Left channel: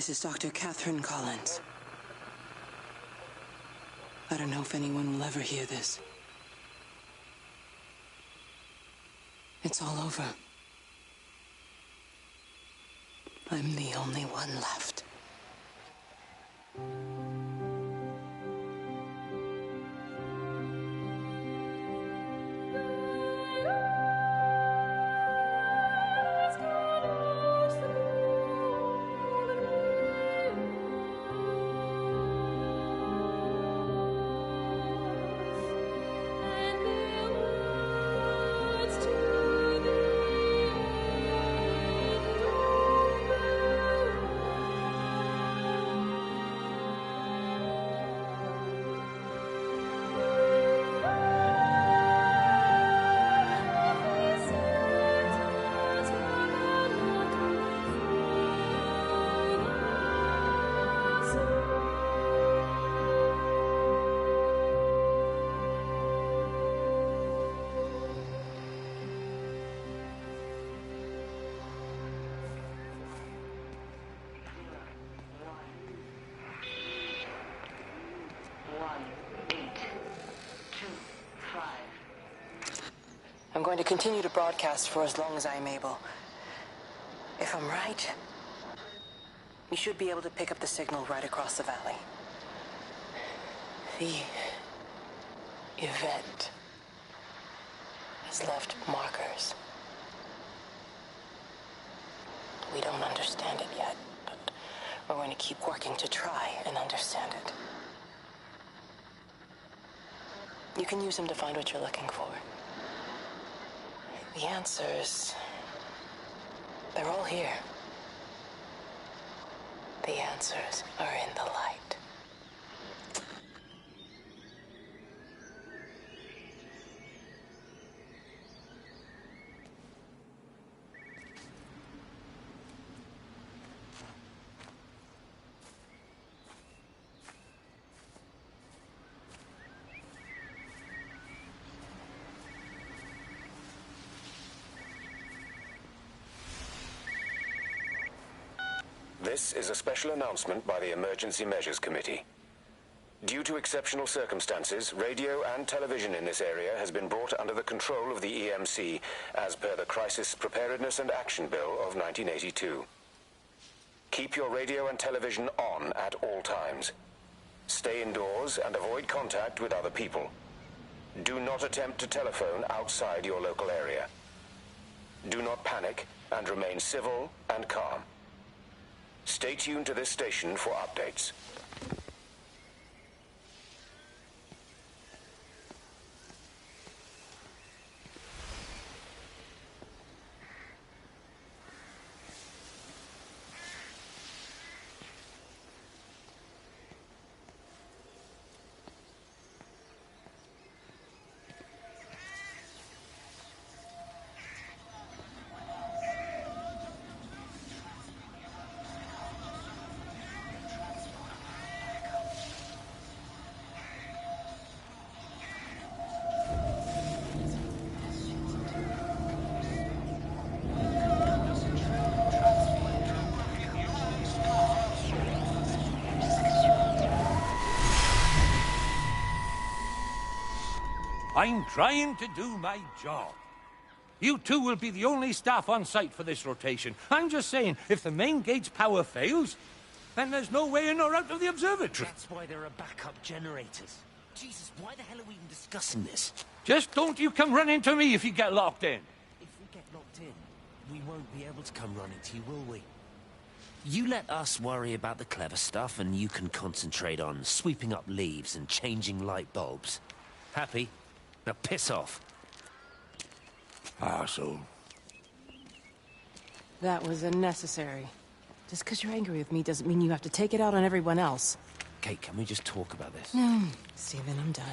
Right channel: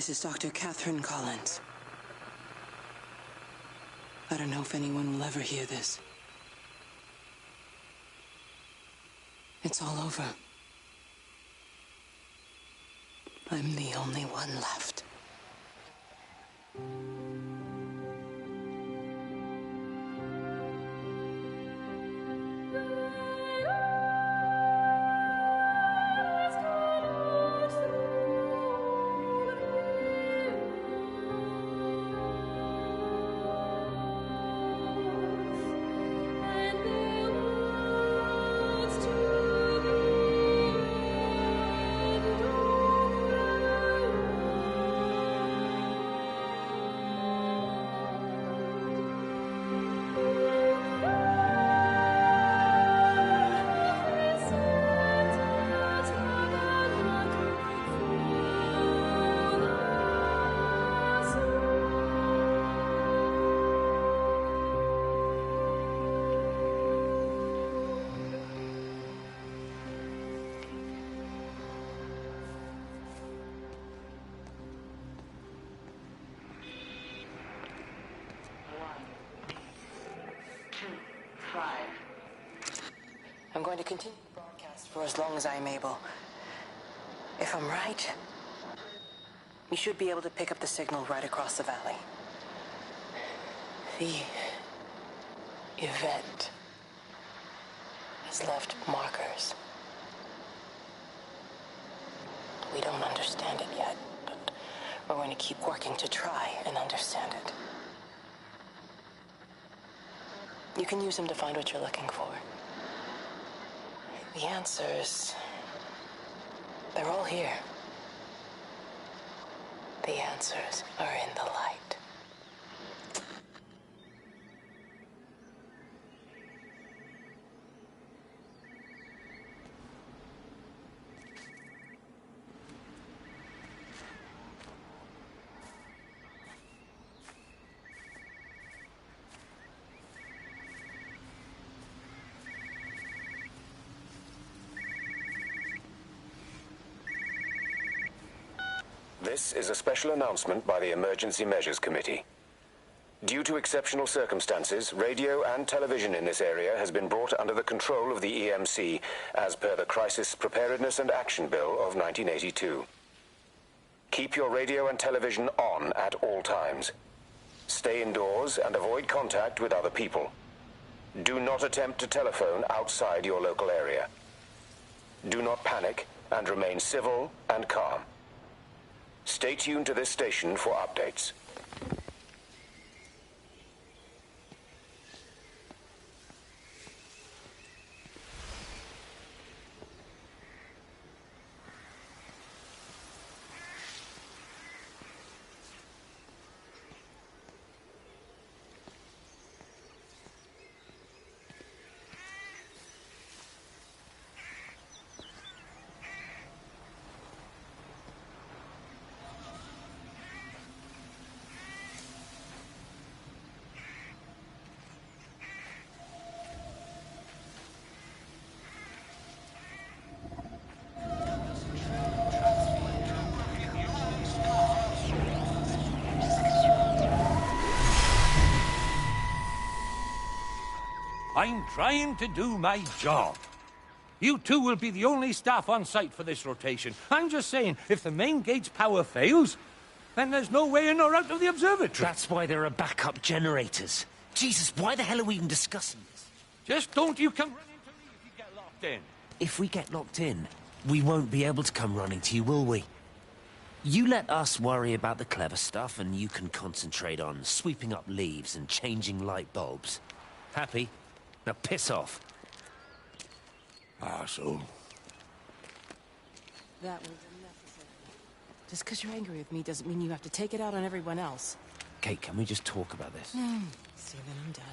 This is Dr. Catherine Collins. I don't know if anyone will ever hear this. It's all over. I'm the only one left. I'm going to continue to broadcast for as long as I'm able. If I'm right, we should be able to pick up the signal right across the valley. The event has left markers. We don't understand it yet, but we're going to keep working to try and understand it. You can use them to find what you're looking for. The answers, they're all here. The answers are in the light. This is a special announcement by the Emergency Measures Committee. Due to exceptional circumstances, radio and television in this area has been brought under the control of the EMC as per the Crisis Preparedness and Action Bill of 1982. Keep your radio and television on at all times. Stay indoors and avoid contact with other people. Do not attempt to telephone outside your local area. Do not panic and remain civil and calm. Stay tuned to this station for updates. I'm trying to do my job. You two will be the only staff on site for this rotation. I'm just saying, if the main gate's power fails, then there's no way in or out of the observatory. That's why there are backup generators. Jesus, why the hell are we even discussing this? Just don't you come running to me if you get locked in. If we get locked in, we won't be able to come running to you, will we? You let us worry about the clever stuff, and you can concentrate on sweeping up leaves and changing light bulbs. Happy? Now piss off. Arsehole. That was unnecessary. Just because you're angry with me doesn't mean you have to take it out on everyone else. Kate, can we just talk about this? No, Stephen, I'm done.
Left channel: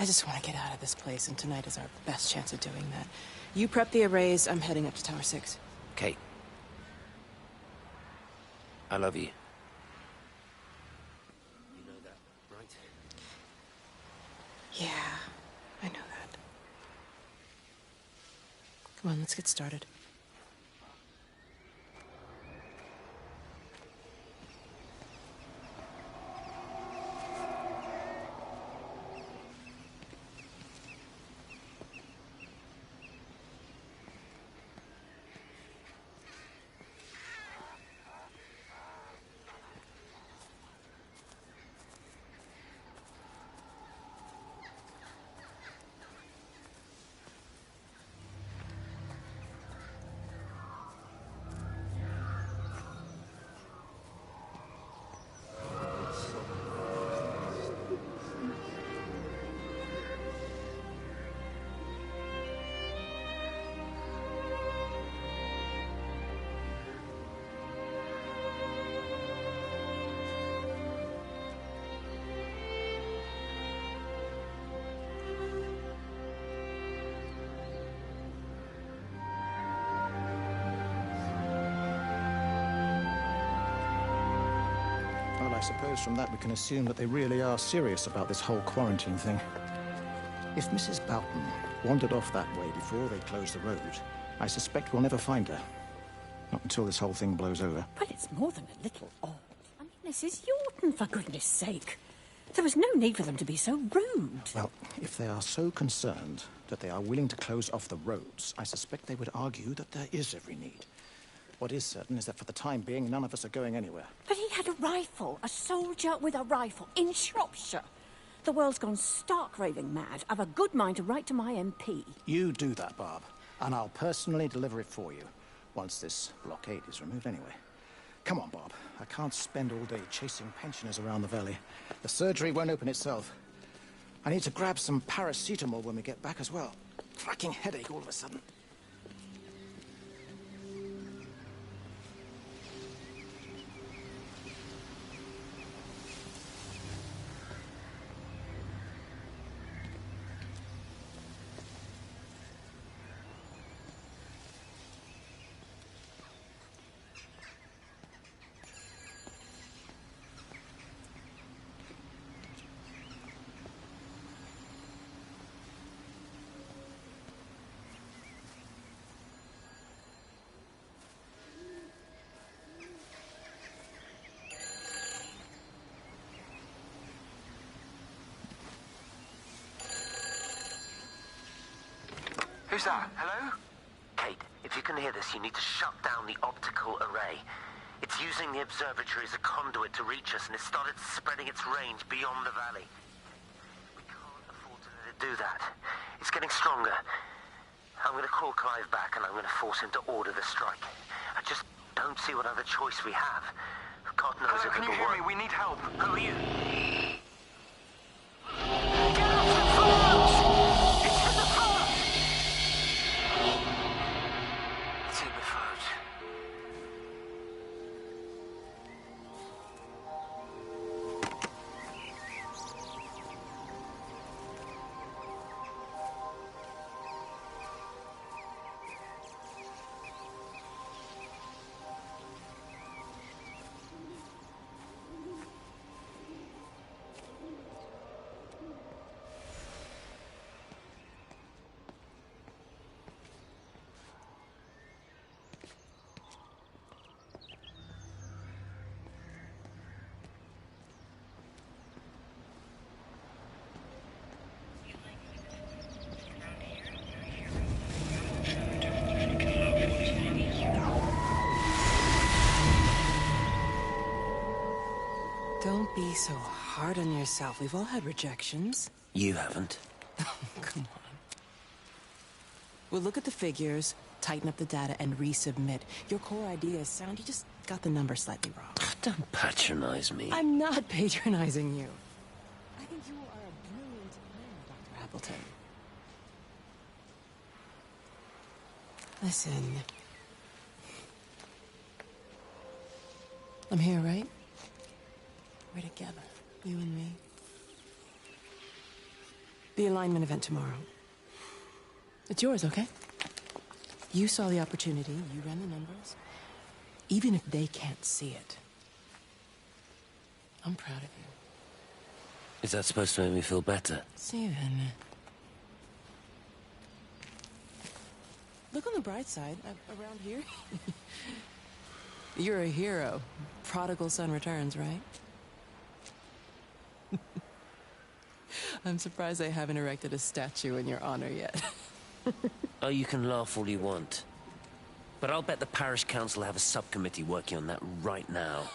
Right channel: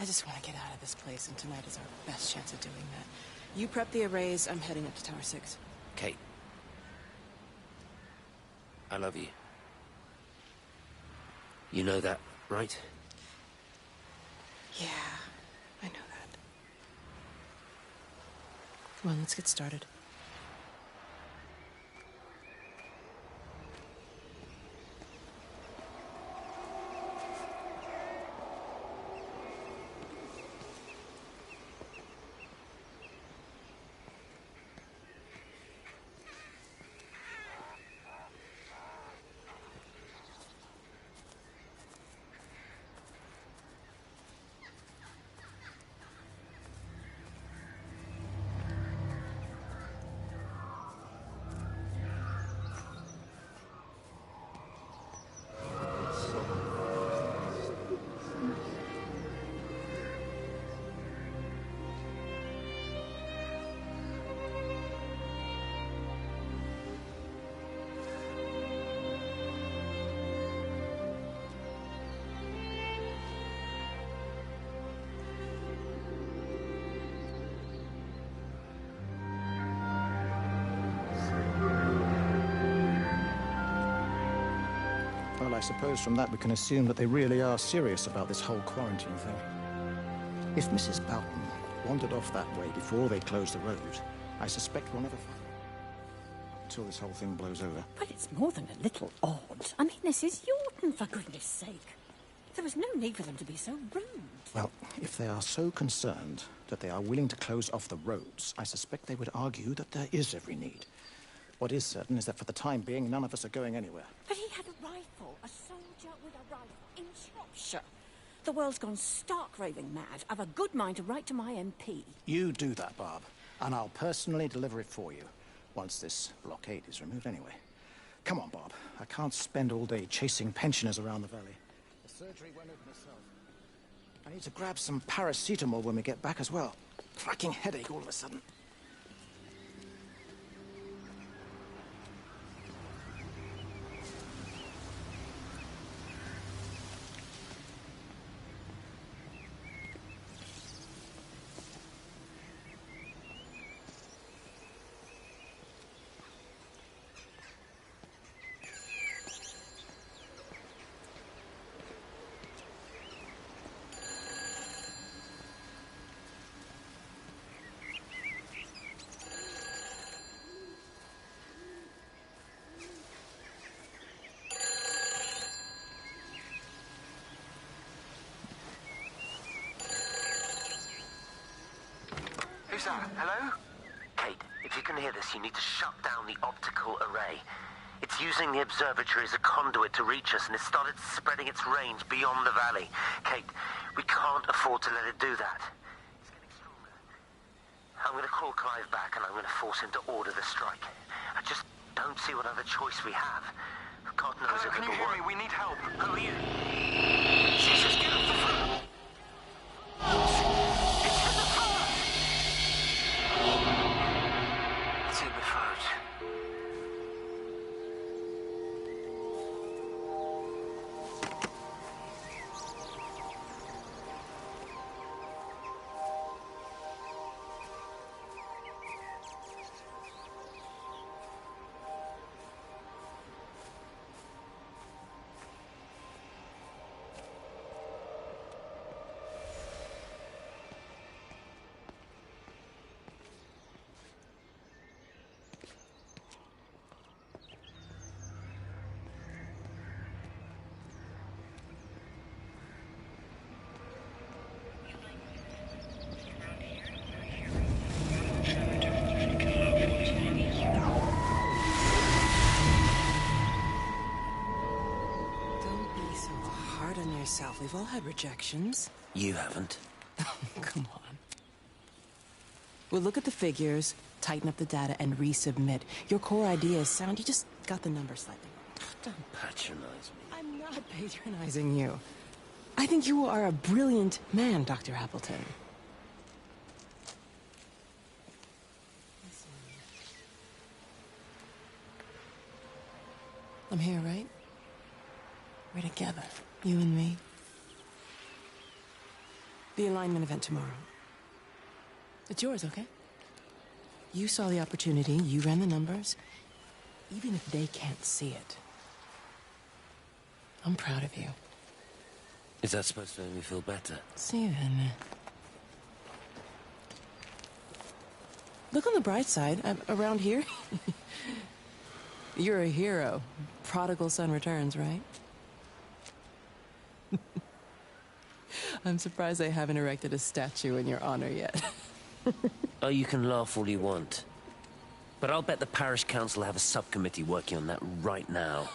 I just want to get out of this place, and tonight is our best chance of doing that. You prep the arrays, I'm heading up to Tower 6. Kate. I love you. You know that, right? Yeah, I know that. Come on, let's get started. Well, I suppose from that we can assume that they really are serious about this whole quarantine thing. If Mrs. Boughton wandered off that way before they closed the road, I suspect we'll never find her. Not until this whole thing blows over. Well, it's more than a little odd. I mean, this is Yorton, for goodness sake. There was no need for them to be so rude. Well, if they are so concerned that they are willing to close off the roads, I suspect they would argue that there is every need. What is certain is that for the time being, none of us are going anywhere. But he had a rifle, a soldier with a rifle, in Shropshire. The world's gone stark raving mad. I've a good mind to write to my MP. You do that, Barb, and I'll personally deliver it for you, once this blockade is removed anyway. Come on, Bob. I can't spend all day chasing pensioners around the valley. The surgery won't open itself. I need to grab some paracetamol when we get back as well. Cracking headache all of a sudden. Who's that? Hello? Kate, if you can hear this, you need to shut down the optical array. It's using the observatory as a conduit to reach us, and it's started spreading its range beyond the valley. Kate, we can't afford to let it do that. It's getting stronger. I'm going to call Clive back, and I'm going to force him to order the strike. I just don't see what other choice we have. God knows Hello, if can you hear me? We need help. Who are you? Jesus, get off the phone! Get off the phone! It's in the phone! It's in the phone. Don't be so hard on yourself. We've all had rejections. You haven't. Come on. We'll look at the figures, tighten up the data, and resubmit. Your core idea is sound. You just got the number slightly wrong. Don't patronize me. I'm not patronizing you. I think you are a brilliant man, Dr. Appleton. Listen. I'm here, right? We're together, you and me. The alignment event tomorrow. It's yours, okay? You saw the opportunity, you ran the numbers. Even if they can't see it, I'm proud of you. Is that supposed to make me feel better? Steven. Look on the bright side. Around here, you're a hero. Prodigal son returns, right? I'm surprised they haven't erected a statue in your honor yet. Oh, you can laugh all you want. But I'll bet the parish council have a subcommittee working on that right now.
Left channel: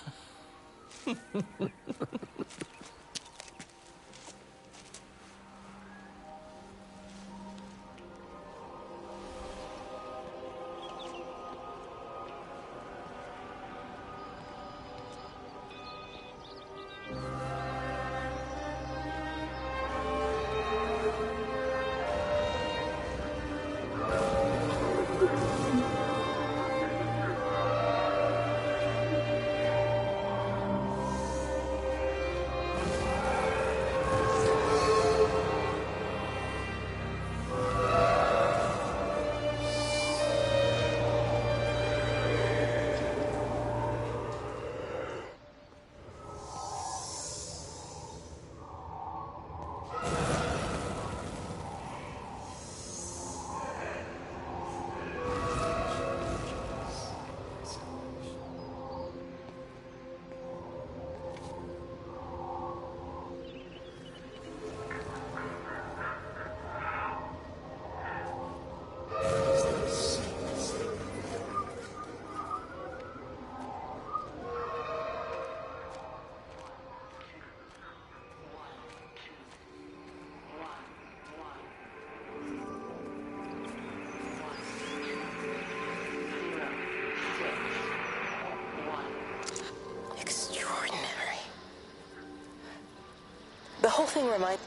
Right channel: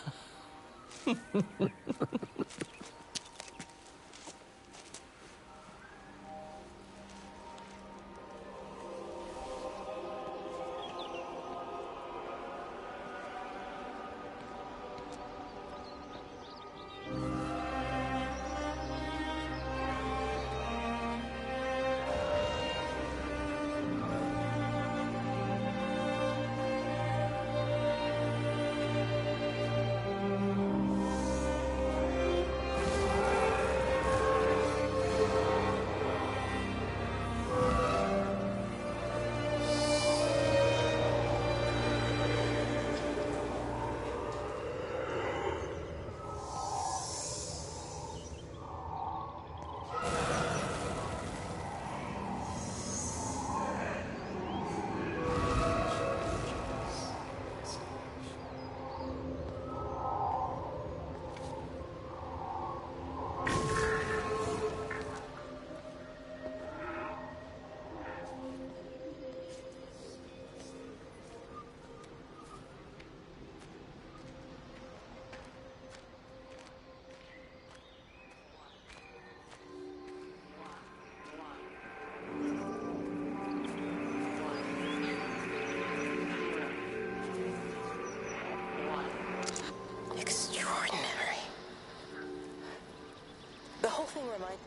whole thing reminds...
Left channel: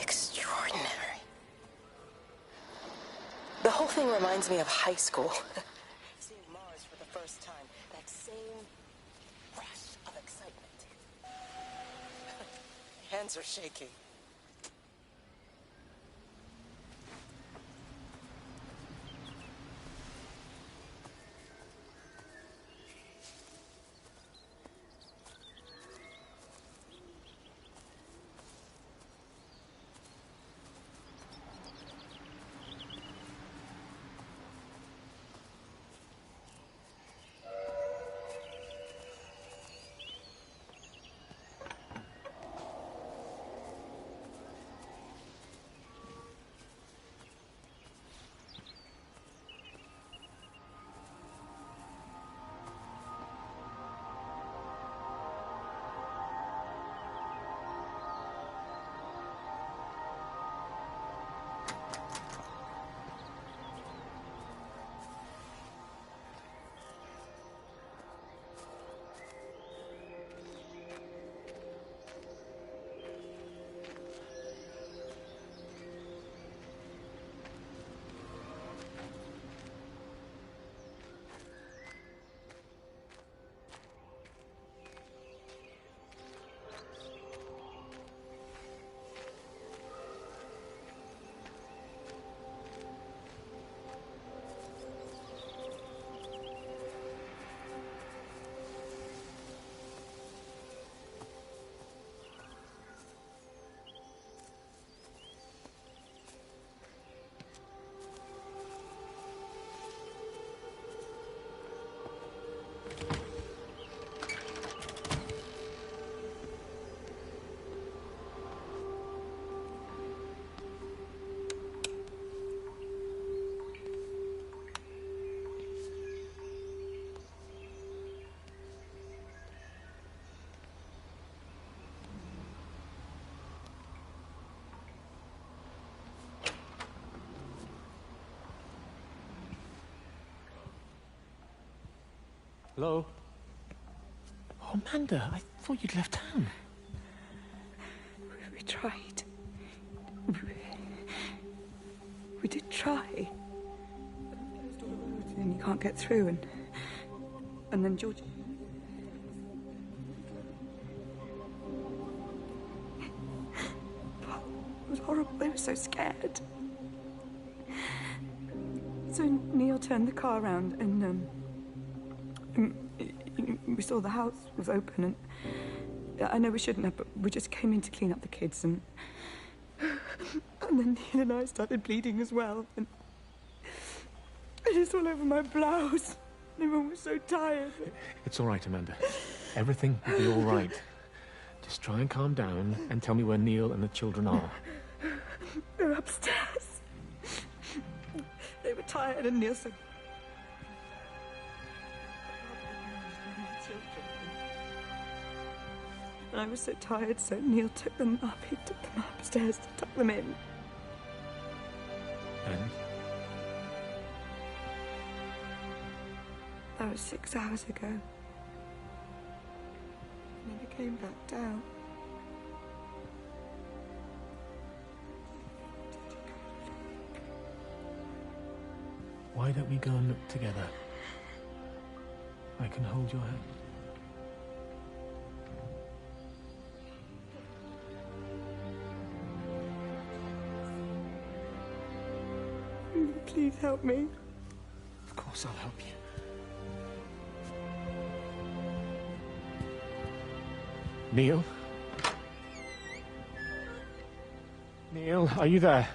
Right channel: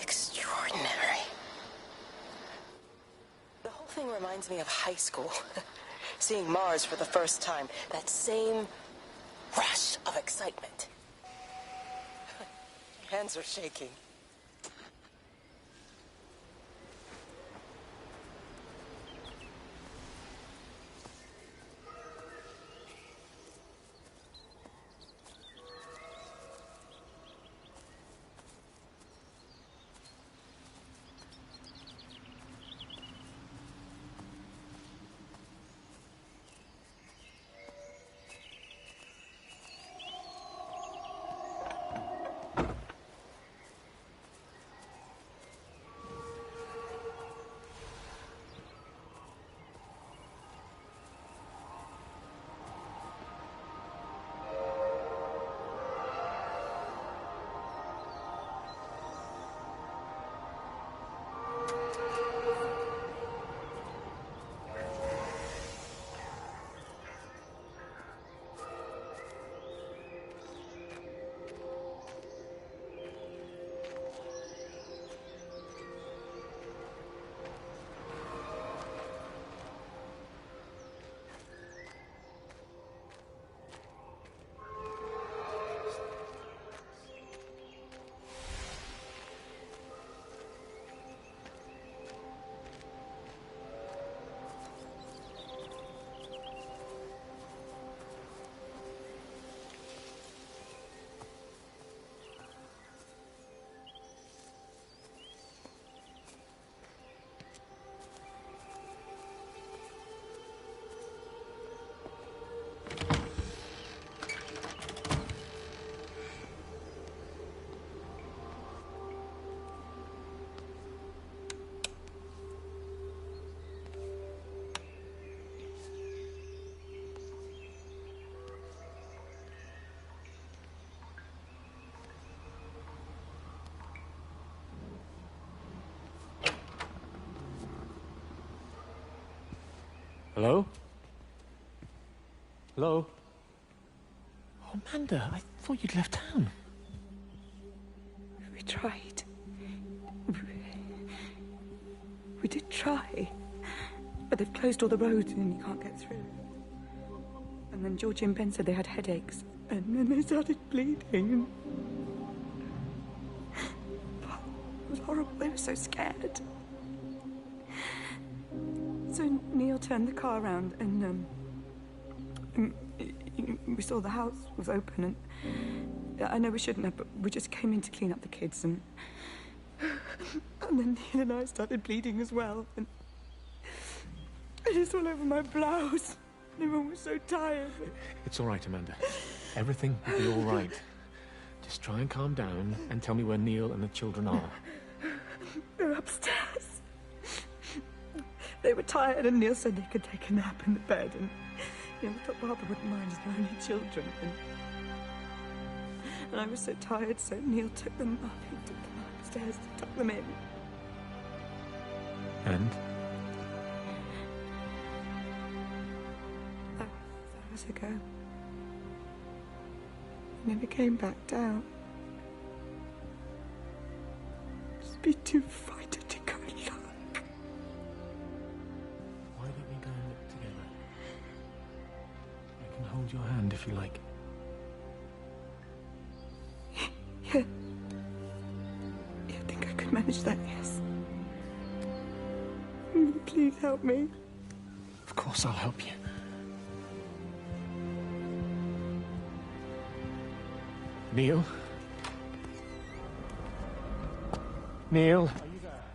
Extraordinary. The whole thing reminds me of high school. Seeing Mars for the first time. That same rush of excitement. My hands are shaking. Hello? Hello? Oh, Amanda, I thought you'd left town. We tried. We did try. But they've closed all the roads and you can't get through. And then Georgie and Ben said they had headaches. And then they started bleeding. It was horrible. They were so scared. So Neil turned the car around and we saw the house was open, and I know we shouldn't have, but we just came in to clean up the kids, and then Neil and I started bleeding as well, and it's all over my blouse. Everyone was so tired. It's all right, Amanda. Everything will be all right. Just try and calm down and tell me where Neil and the children are. They're upstairs. They were tired, and Neil said they could take a nap in the bed, and we thought Barbara wouldn't mind as they're only children. And I was so tired, so Neil took them up. He took them upstairs to tuck them in. And? That was 6 hours ago. I never came back down. Just be too frightened to go and look. Why don't we go and look together? I can hold your hand if you like. Yeah. I think I could manage that, yes. Will you please help me? Of course I'll help you. Neil? Neil, are you there?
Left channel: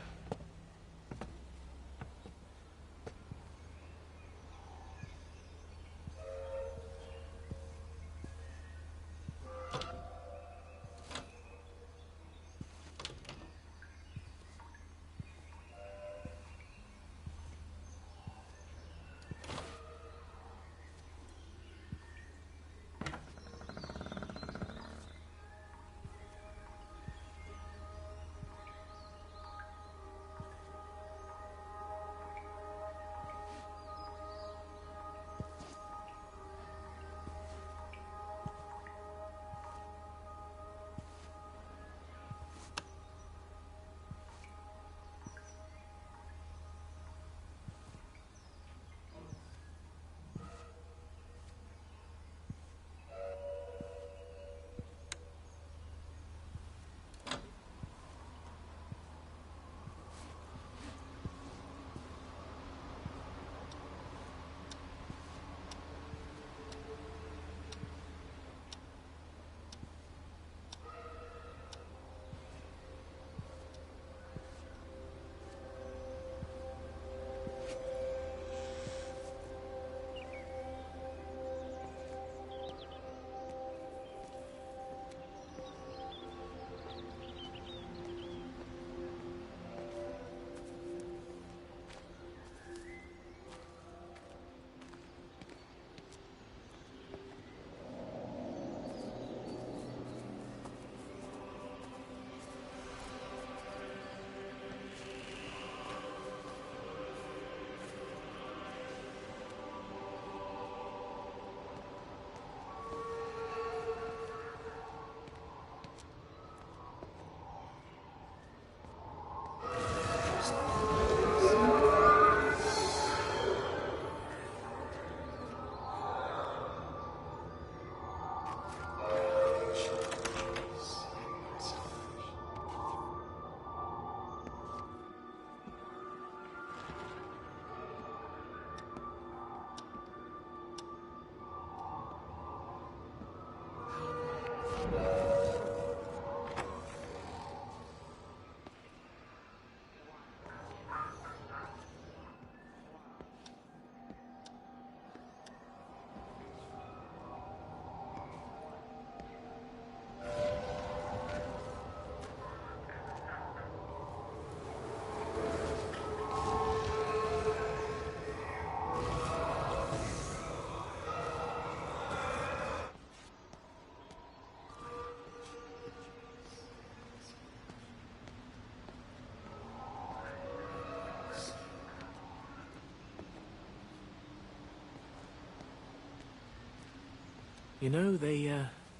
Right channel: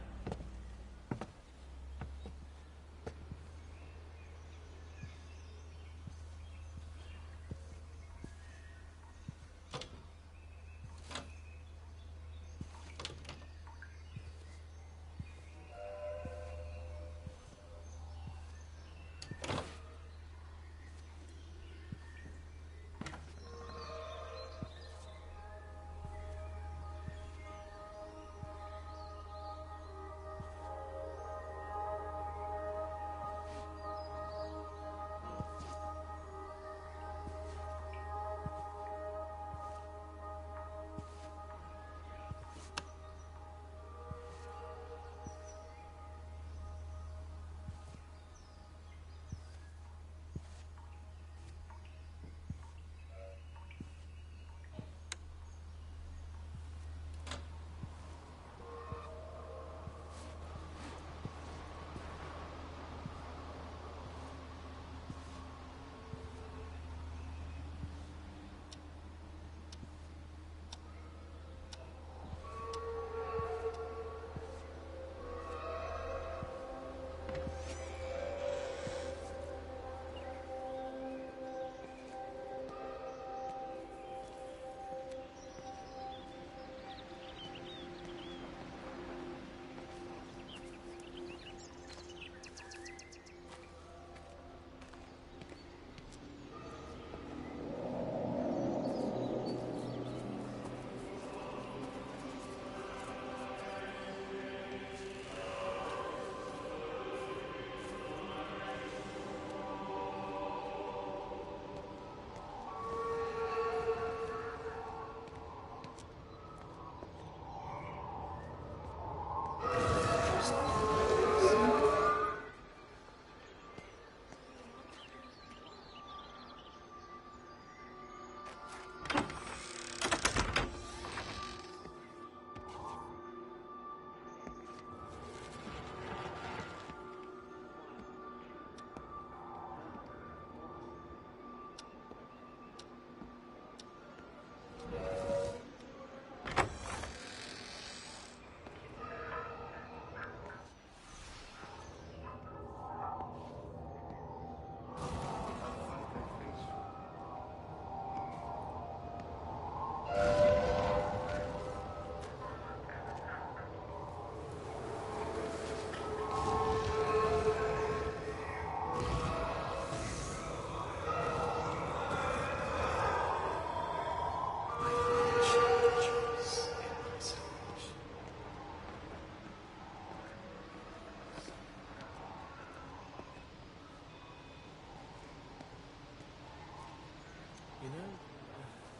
You know, they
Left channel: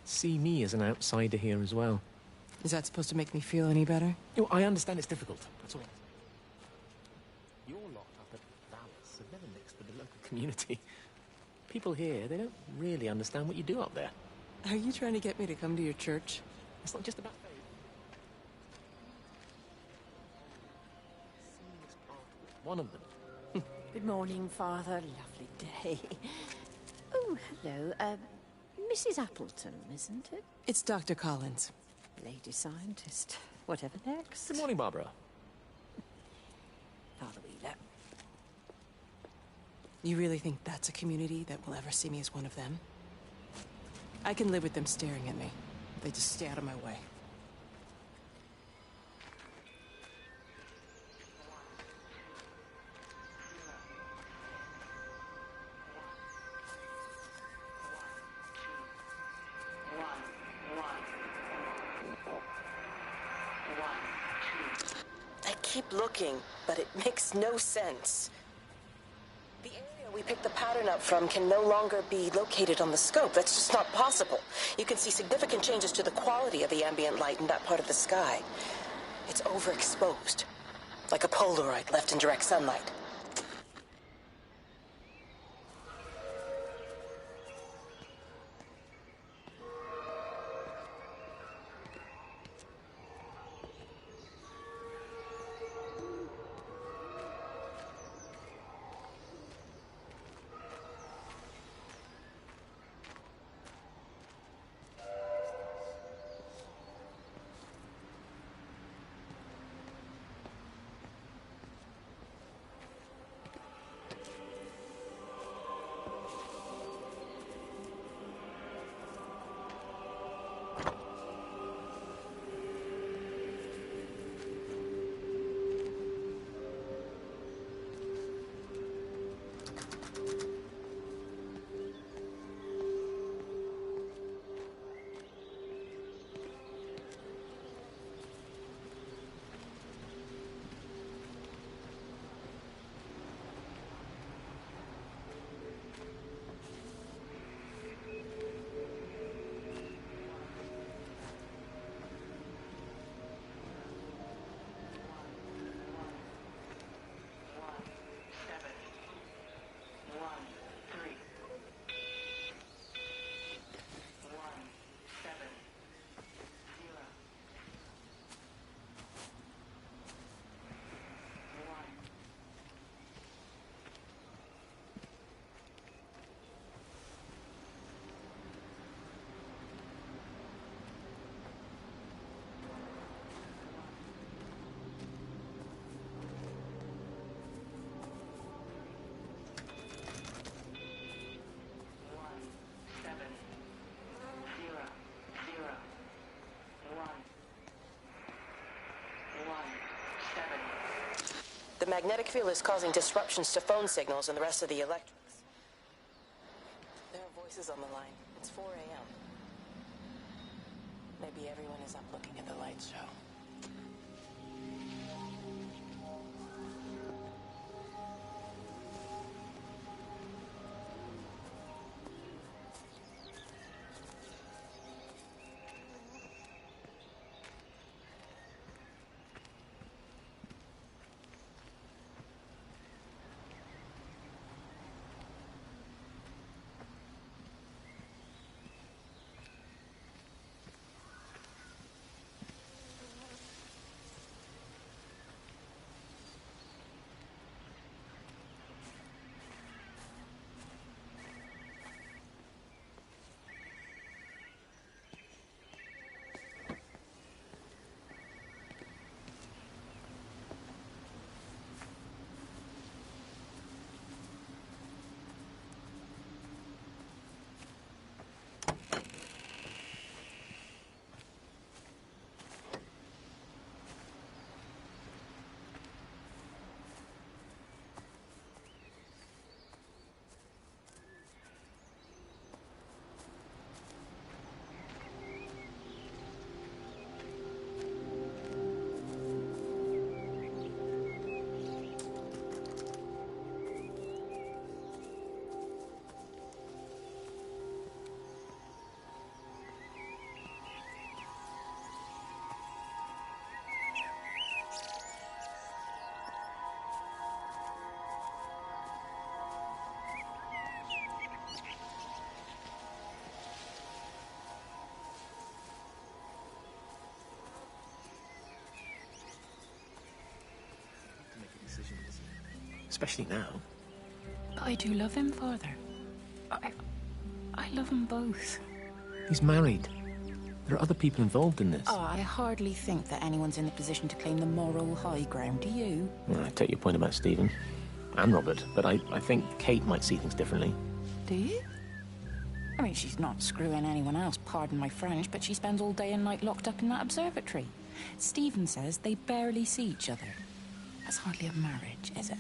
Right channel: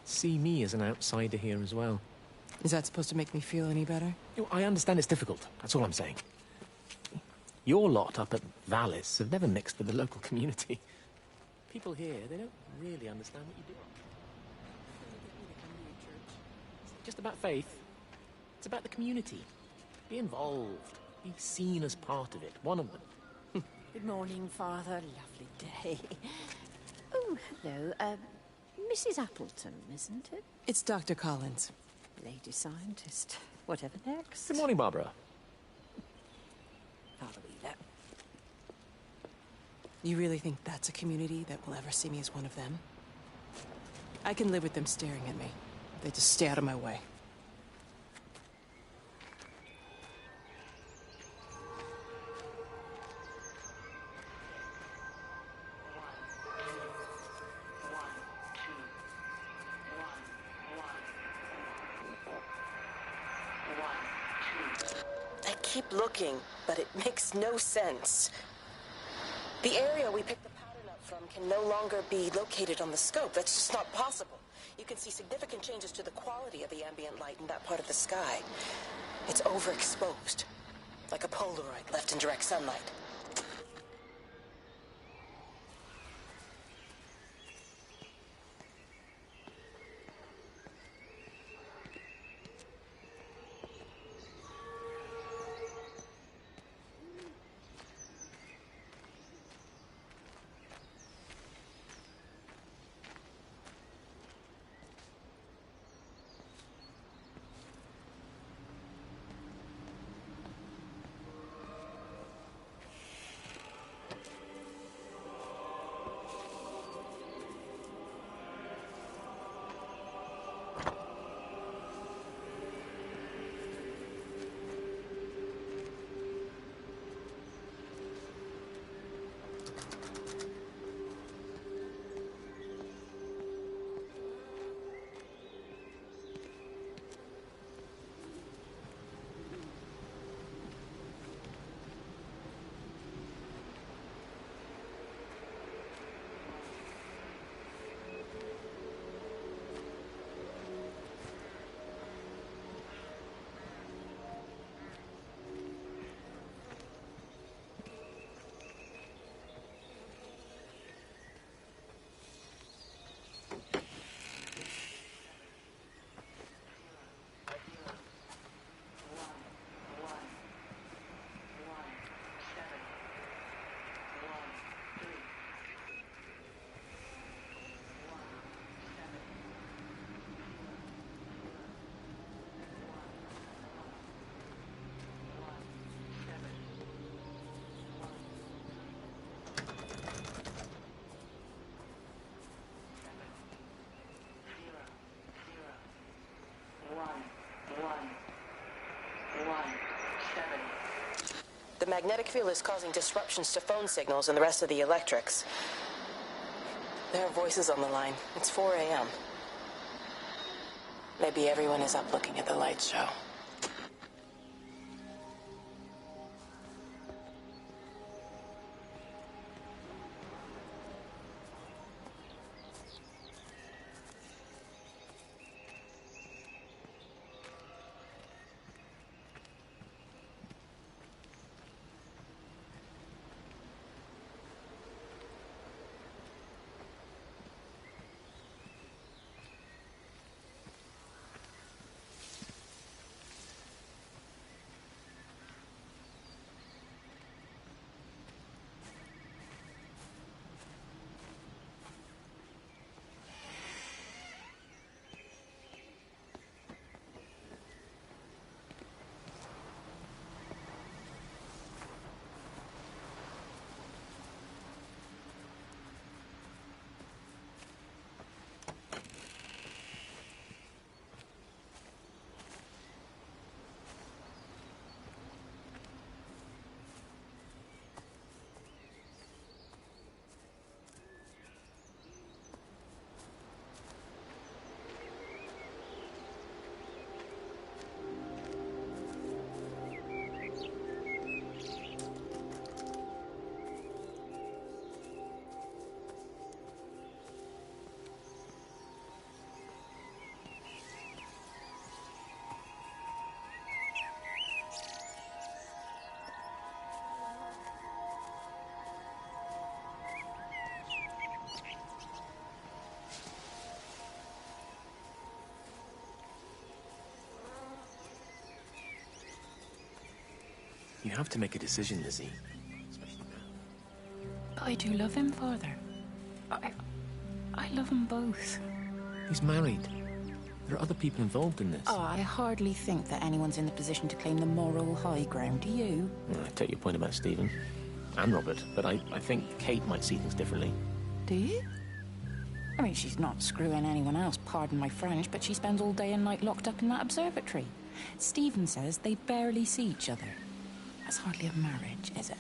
see me as an outsider here as well. Is that supposed to make me feel any better? You know, I understand it's difficult. That's all I'm saying. Your lot up at Vallis have never mixed with the local community. People here, they don't really understand what you do up there. Are you trying to get me to come to your church? It's not just about faith. It's about the community. Be involved. Be seen as part of it. One of them. Good morning, Father. Lovely day. Oh, hello. Mrs. Appleton, isn't it? It's Dr. Collins. Lady scientist. Whatever next. Good morning, Barbara. Father Wheeler. You really think that's a community that will ever see me as one of them? I can live with them staring at me. If they just stay out of my way. I keep looking, but it makes no sense. The area we picked the pattern up from can no longer be located on the scope. That's just not possible. You can see significant changes to the quality of the ambient light in that part of the sky. It's overexposed, like a Polaroid left in direct sunlight. The magnetic field is causing disruptions to phone signals and the rest of the electrics. There are voices on the line. It's 4 a.m. Maybe everyone is up looking at the light show. You have to make a decision, Lizzie. Especially now. But I do love him, Father. I love them both. He's married. There are other people involved in this. Oh, I hardly think that anyone's in the position to claim the moral high ground, do you? Well, I take your point about Stephen. And Robert. But I think Kate might see things differently. Do you? I mean, she's not screwing anyone else, pardon my French, but she spends all day and night locked up in that observatory. Stephen says they barely see each other. That's hardly a marriage, is it?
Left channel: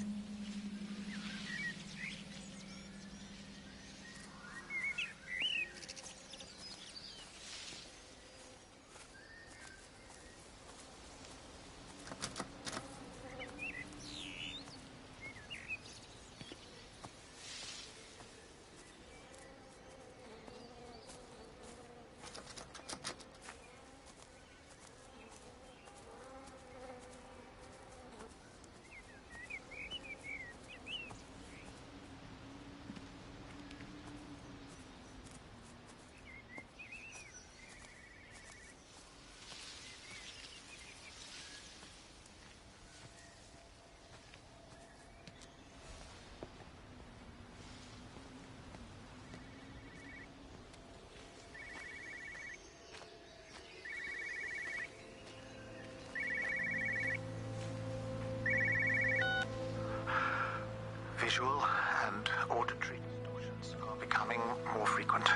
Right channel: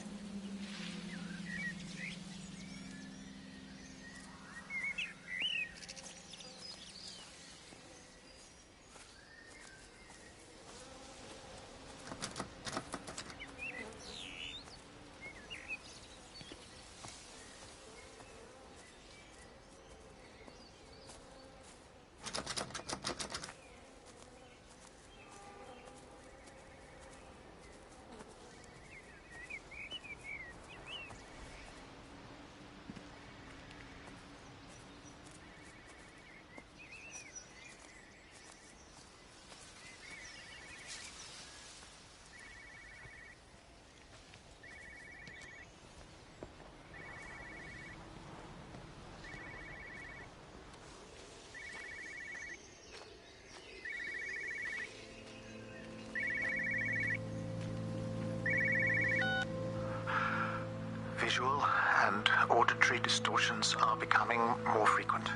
Visual and auditory distortions are becoming more frequent,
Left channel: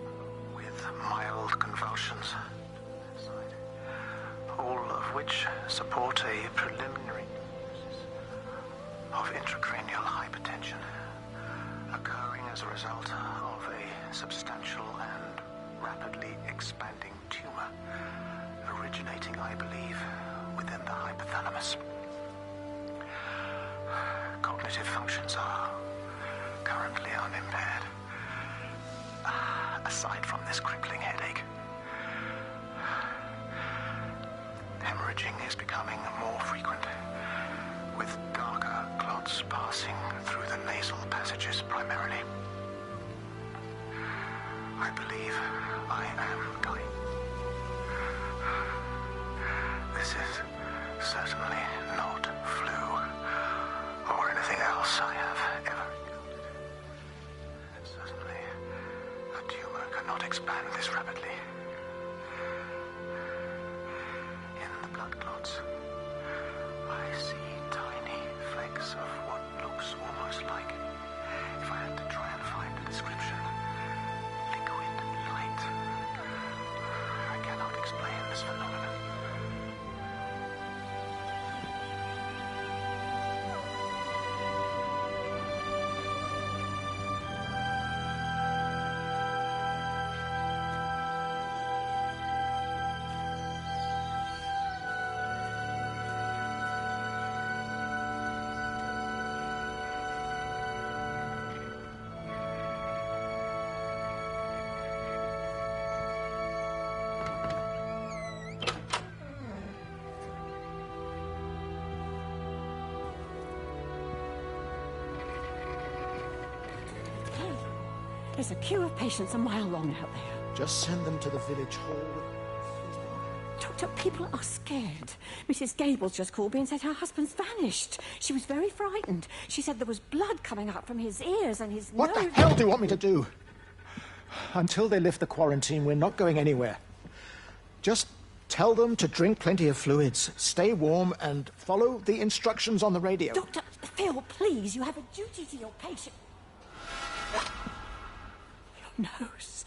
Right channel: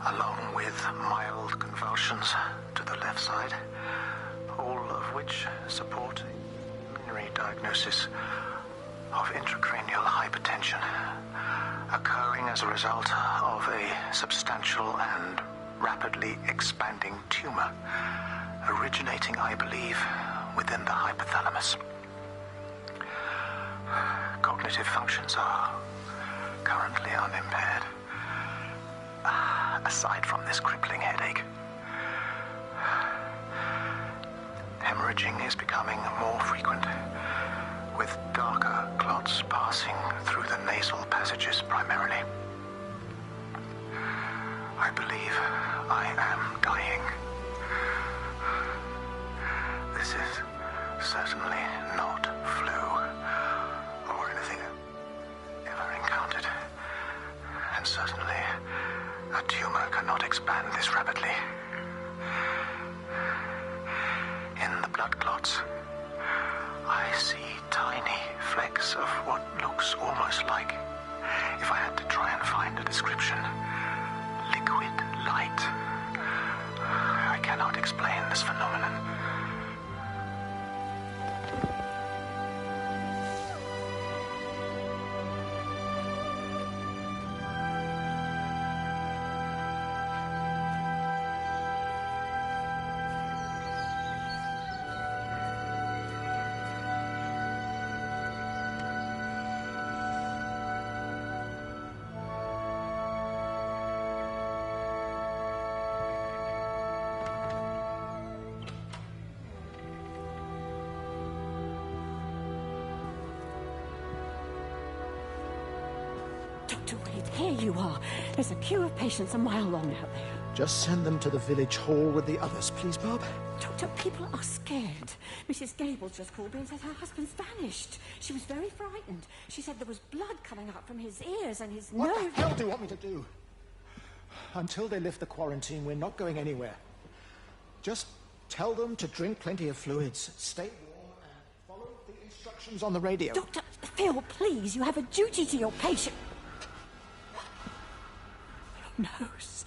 along with mild convulsions to the left side, all of which support a preliminary diagnosis of intracranial hypertension, occurring as a result of a substantial and rapidly expanding tumor, originating, I believe, within the hypothalamus. Cognitive functions are currently unimpaired, aside from this crippling headache. Hemorrhaging is becoming more frequent, with darker clots passing through the nasal passages primarily. I believe I am dying. This is certainly not flu or anything else I have ever encountered. And certainly, a tumor cannot expand this rapidly. In the blood clots, I see tiny flecks of what looks almost like, if I had to try and find a description, liquid light. I cannot explain this phenomenon. Dr. Wade, here you are. There's a queue of patients a mile long out there. Just send them to the village hall with the others, please, Bob. Doctor, people are scared. Mrs. Gables just called me and said her husband's vanished. She was very frightened. She said there was blood coming out from his ears and his nose. What the hell do you want me to do? Until they lift the quarantine, we're not going anywhere. Just tell them to drink plenty of fluids, stay warm, and follow the instructions on the radio. Dr. Phil, please, you have a duty to your patient. Your nose.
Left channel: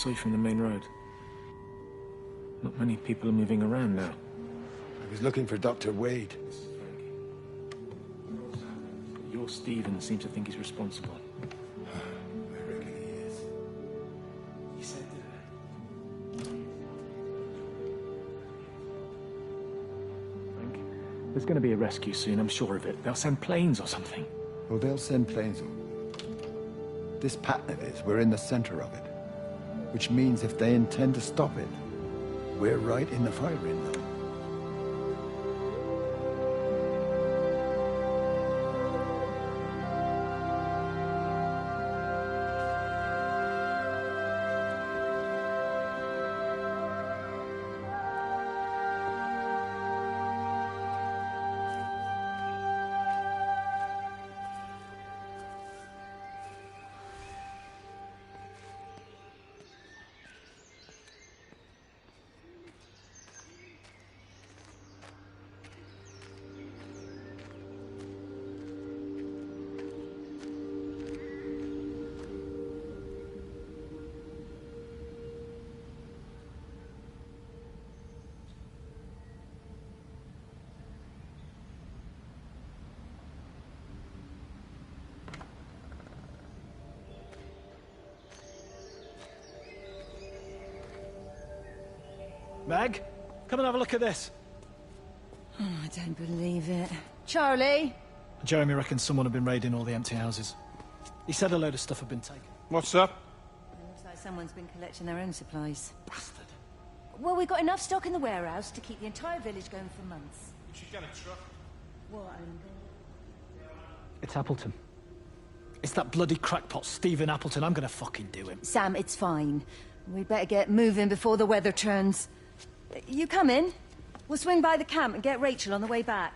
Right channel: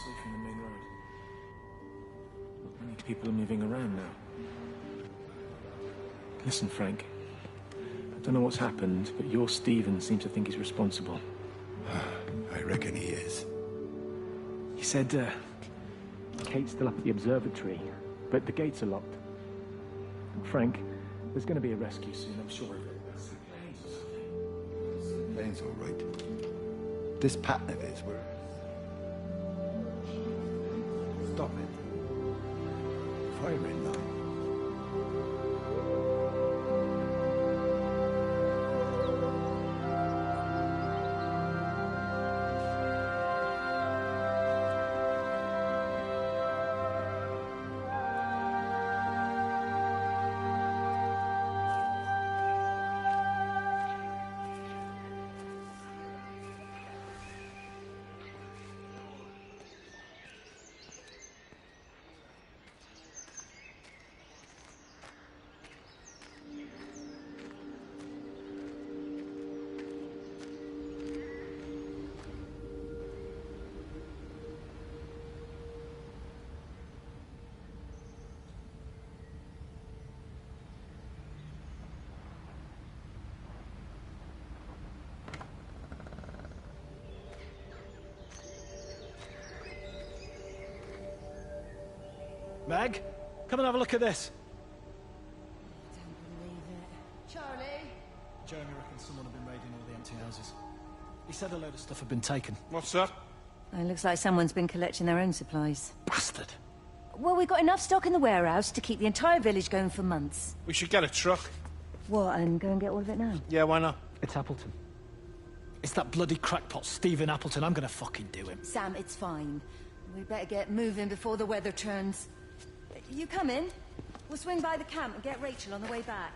saw you from the main road. Not many people are moving around now. I was looking for Dr. Wade. Listen, Frank. I don't know what's happened, but your Stephen seems to think he's responsible. I reckon he is. He said, Kate's still up at the observatory, but the gates are locked. Frank, there's going to be a rescue soon, I'm sure of it. They'll send planes or something. Well, they'll send planes, all right. This pattern of his, we're in the center of it. Which means if they intend to stop it, we're right in the firing line. Meg, come and have a look at this. Oh, I don't believe it. Charlie? Jeremy reckons someone had been raiding all the empty houses. He said a load of stuff had been taken. What's that? It looks like someone's been collecting their own supplies. Bastard. Well, we've got enough stock in the warehouse to keep the entire village going for months. We should get a truck. What, and go and get all of it now? Yeah, why not? It's Appleton. It's that bloody crackpot Stephen Appleton. I'm gonna fucking do him. Sam, it's fine. We'd better get moving before the weather turns. You come in. We'll swing by the camp and get Rachel on the way back.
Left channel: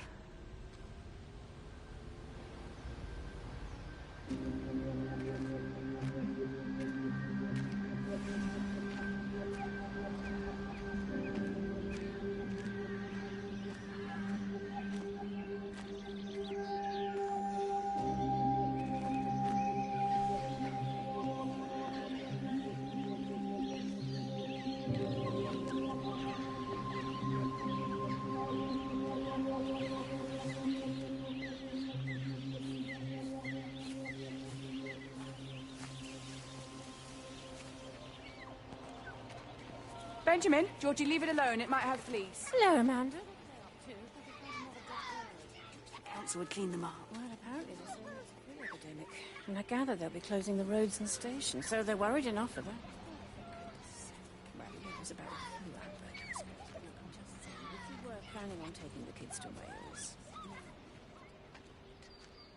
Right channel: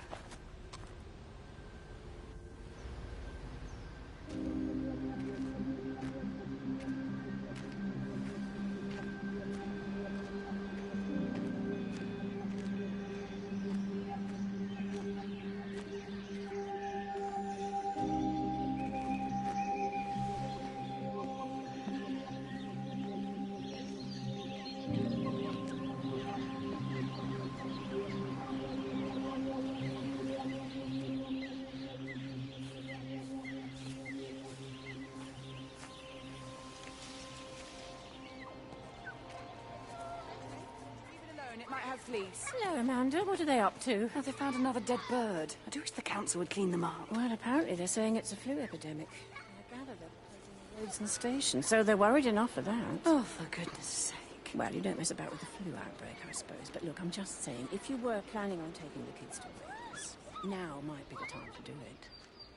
Benjamin, Georgie, leave it alone. It might have fleas. Hello, Amanda. What are they up to? Oh, they found another dead bird. I do wish the council would clean them up. Well, apparently they're saying it's a flu epidemic. And I gather they'll be closing the roads and stations, so they're worried enough for that. Oh, for goodness sake. Well, you don't mess about with the flu outbreak, I suppose. But look, I'm just saying, if you were planning on taking the kids to Wales, now might be the time to do it.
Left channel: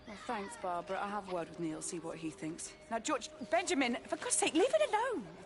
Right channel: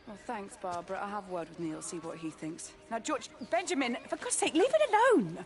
Well, thanks, Barbara. I'll have a word with Neil, see what he thinks. Now, George, Benjamin, for God's sake, leave it alone!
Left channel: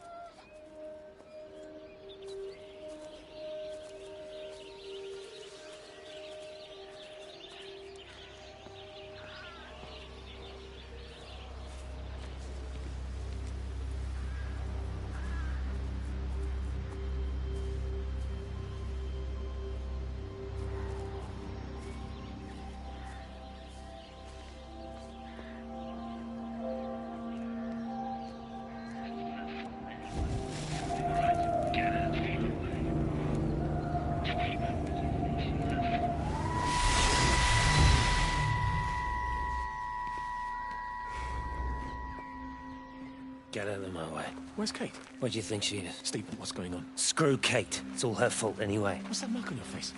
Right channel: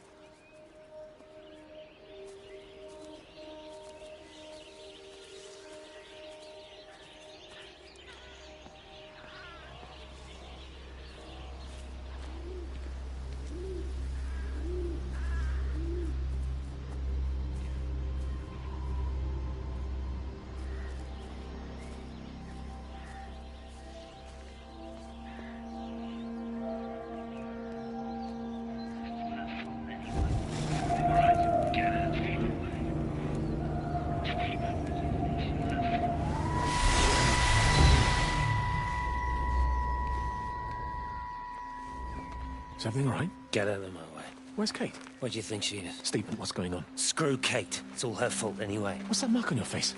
Is everything all right? Get out of my way. Where's Kate? Where do you think she is? Stephen, what's going on? Screw Kate. It's all her fault anyway. What's that mark on your face?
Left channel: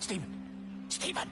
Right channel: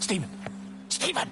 Stephen! Stephen!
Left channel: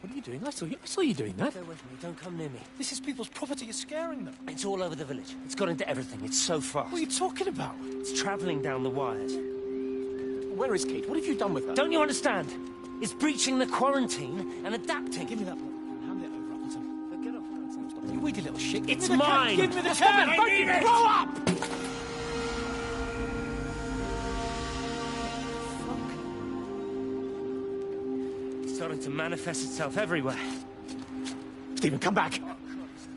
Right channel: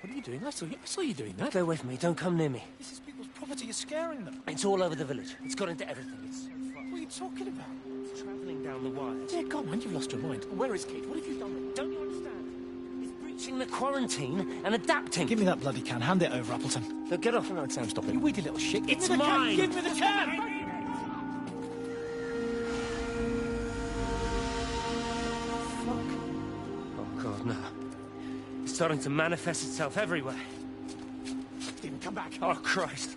What are you doing? I saw you doing that. Go with me. Don't come near me. This is people's property. You're scaring them. It's all over the village. It's got into everything. It's so fast. What are you talking about? It's travelling down the wires. Yeah, go on, you've lost your mind. Where is Kate? What have you done with her? Don't you understand? It's breaching the quarantine and adapting. Give me that bloody can. Hand it over, Appleton. Look, get off. No, Sam, stop it. You weedy little shit. It's mine. Give me the can. I need it. Grow up. Fuck. Oh, God, no. It's starting to manifest itself everywhere. Stephen, come back. Oh, Christ.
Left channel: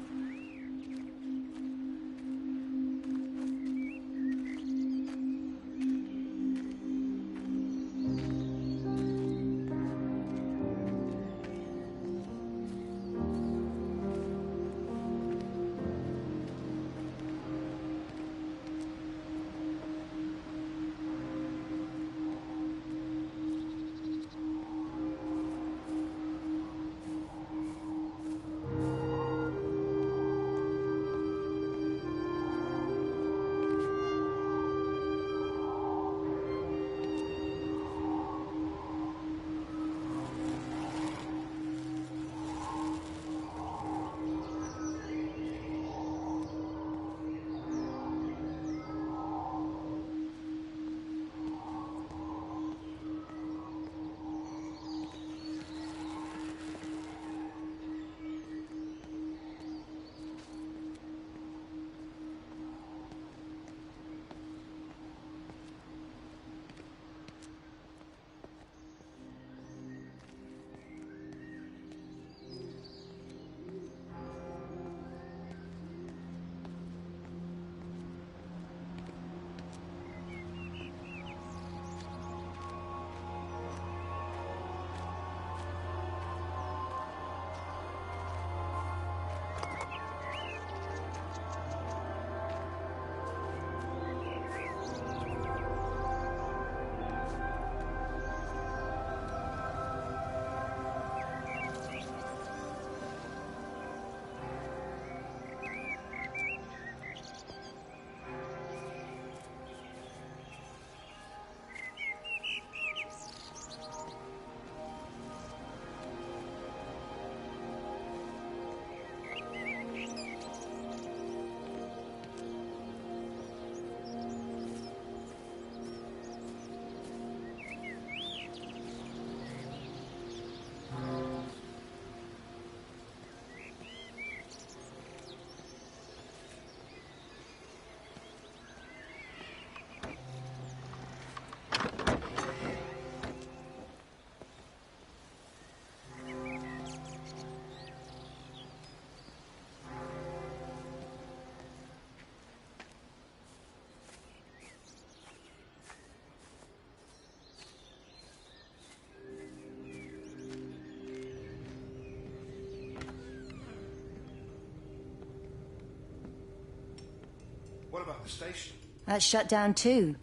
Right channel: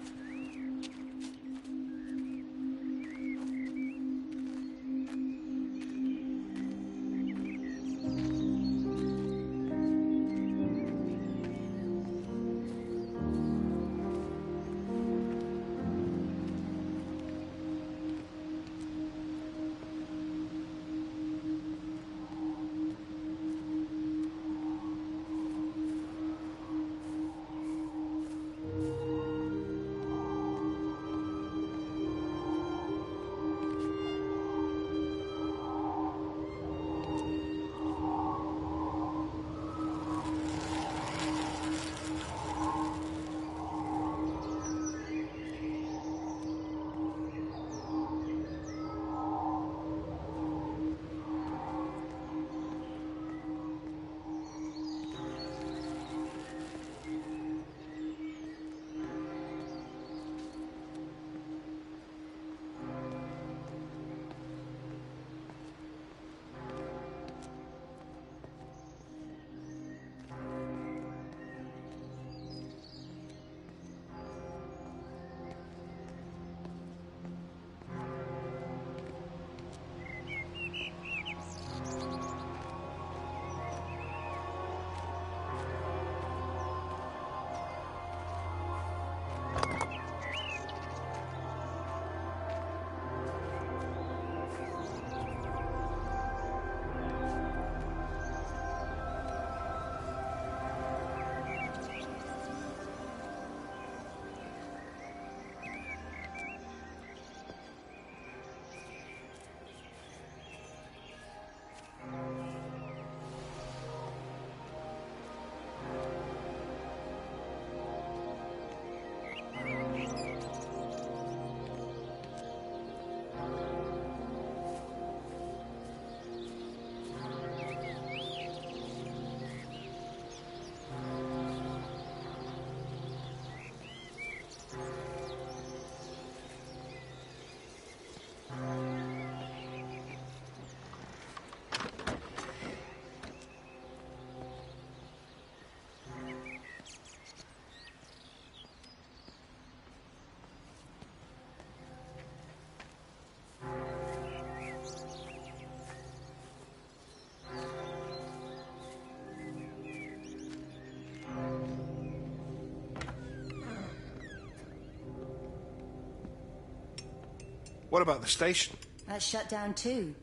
What about the station? That's shut down too.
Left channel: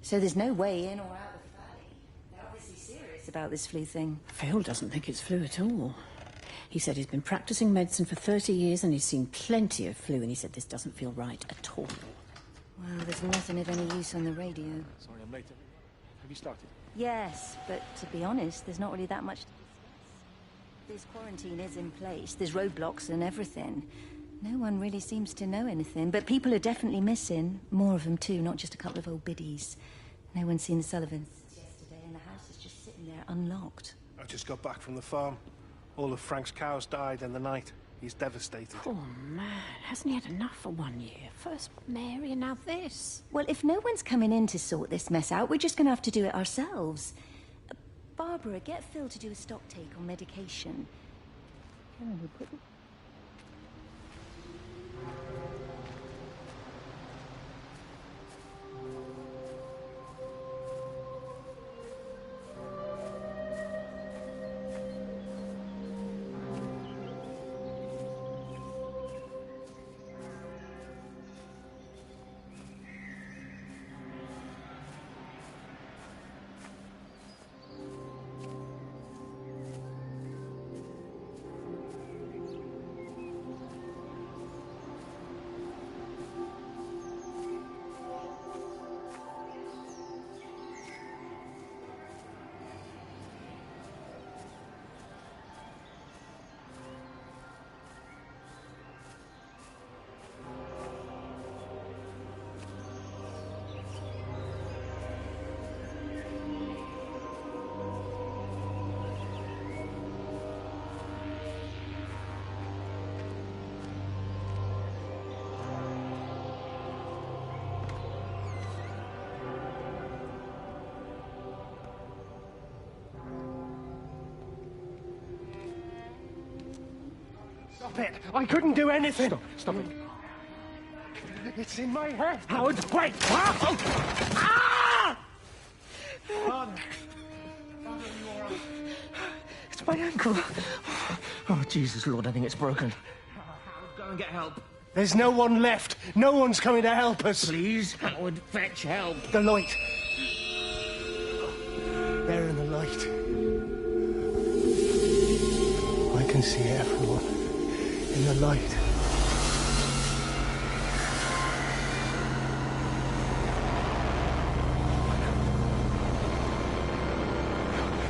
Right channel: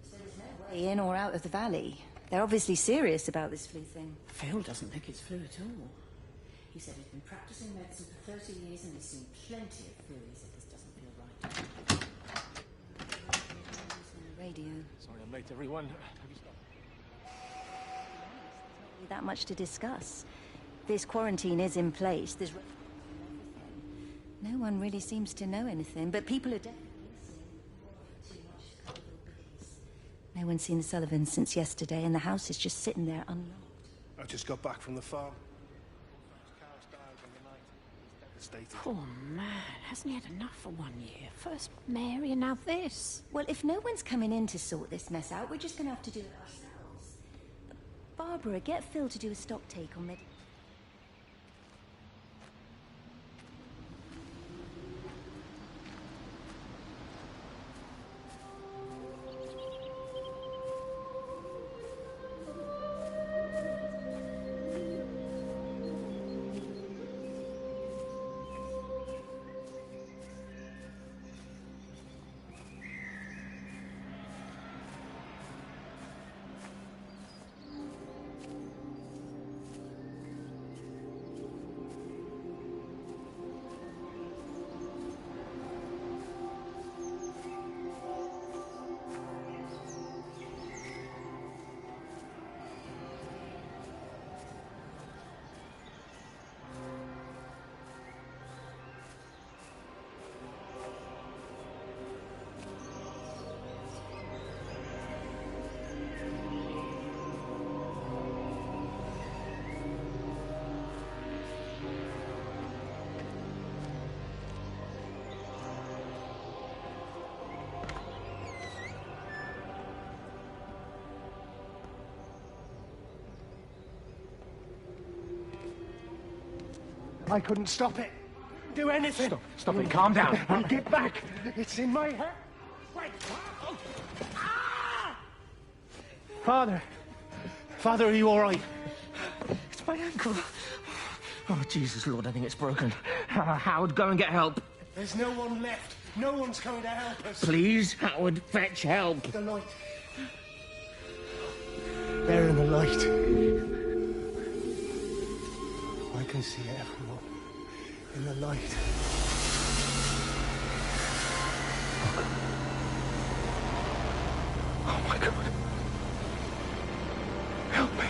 So there's no way in or out of the valley. They're obviously serious about this flu thing. Phil doesn't think it's flu at all. He said he's been practicing medicine for 30 years and he's seen plenty of flu, and he said this doesn't feel right at all. Well, there's nothing of any use on the radio. Sorry I'm late, everyone. Have you started? Yes, but to be honest, there's not really that much to discuss. This quarantine is in place, there's roadblocks and everything. No one really seems to know anything, but people are definitely missing. More of them too, not just a couple of old biddies. No one's seen the Sullivans since yesterday, and the house is just sitting there unlocked. I just got back from the farm. All of Frank's cows died in the night. He's devastated. Poor man. Hasn't he had enough for 1 year? First Mary and now this. Well, if no one's coming in to sort this mess out, we're just going to have to do it ourselves. Barbara, get Phil to do a stock take on medication. I couldn't stop it. I couldn't do anything. Stop it. Calm down. Get back. It's in my head. Howard, wait! Oh. Ah! Father. Father, are you all right? It's my ankle. Oh, Jesus, Lord, I think it's broken. Howard, go and get help. There's no one left. No one's coming to help us. Please, Howard, fetch help. The light. There in the light. I can see everyone in the light. Oh, my God. Help me.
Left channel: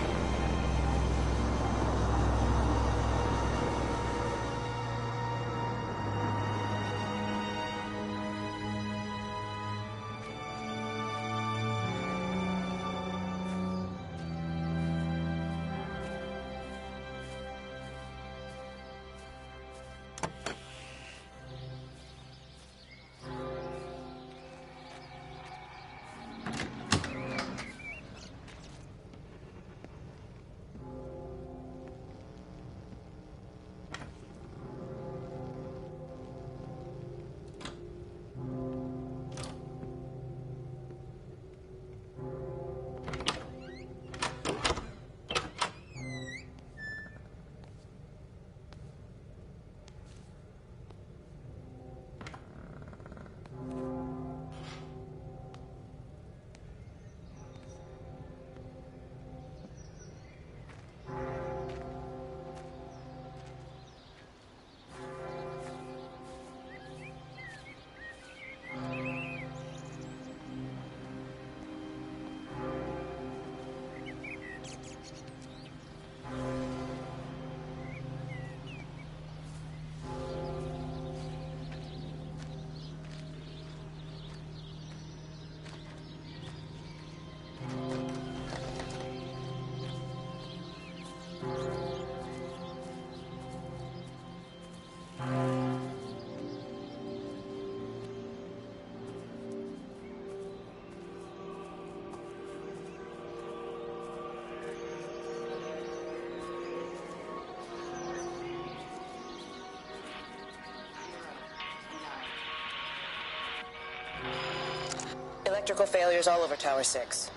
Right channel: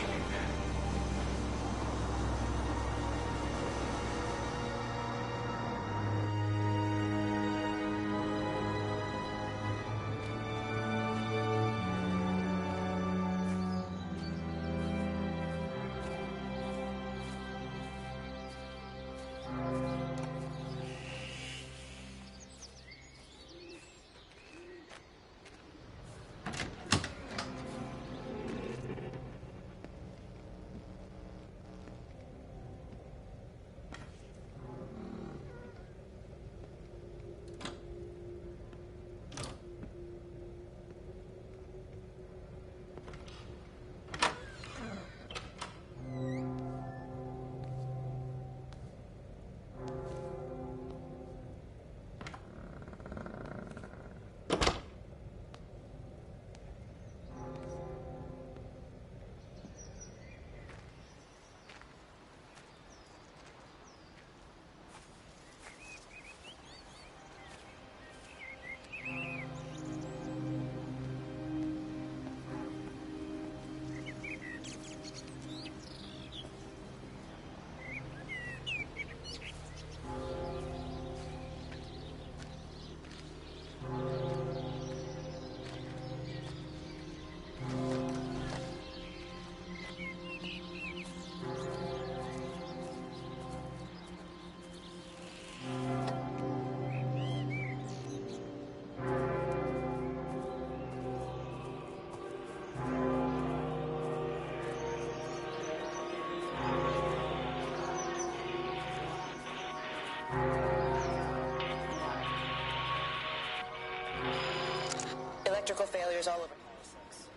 Electrical failures all over Tower 6.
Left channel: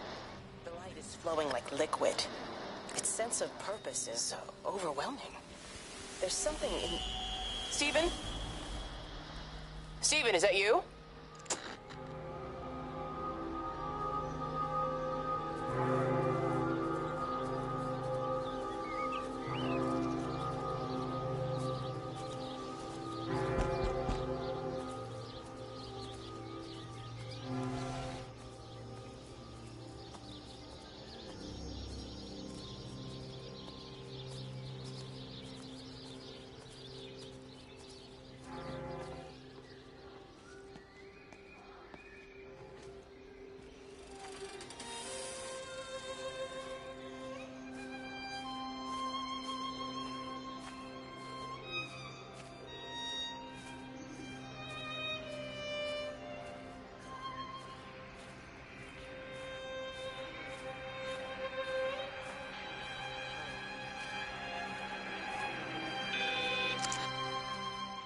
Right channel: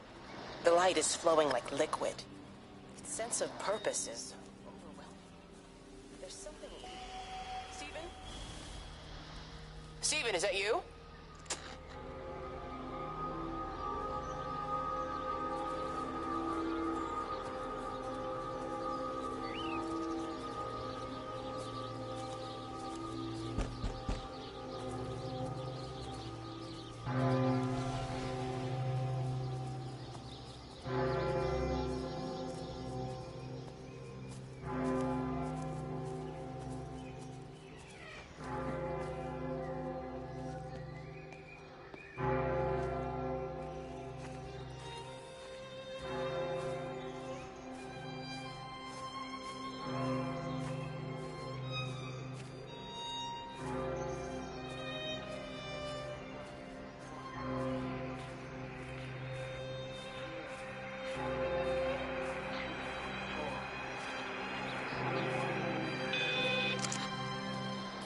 The light is flowing like liquid. Its sense of purpose is overwhelming. There's something in... Stephen? Stephen, is that you?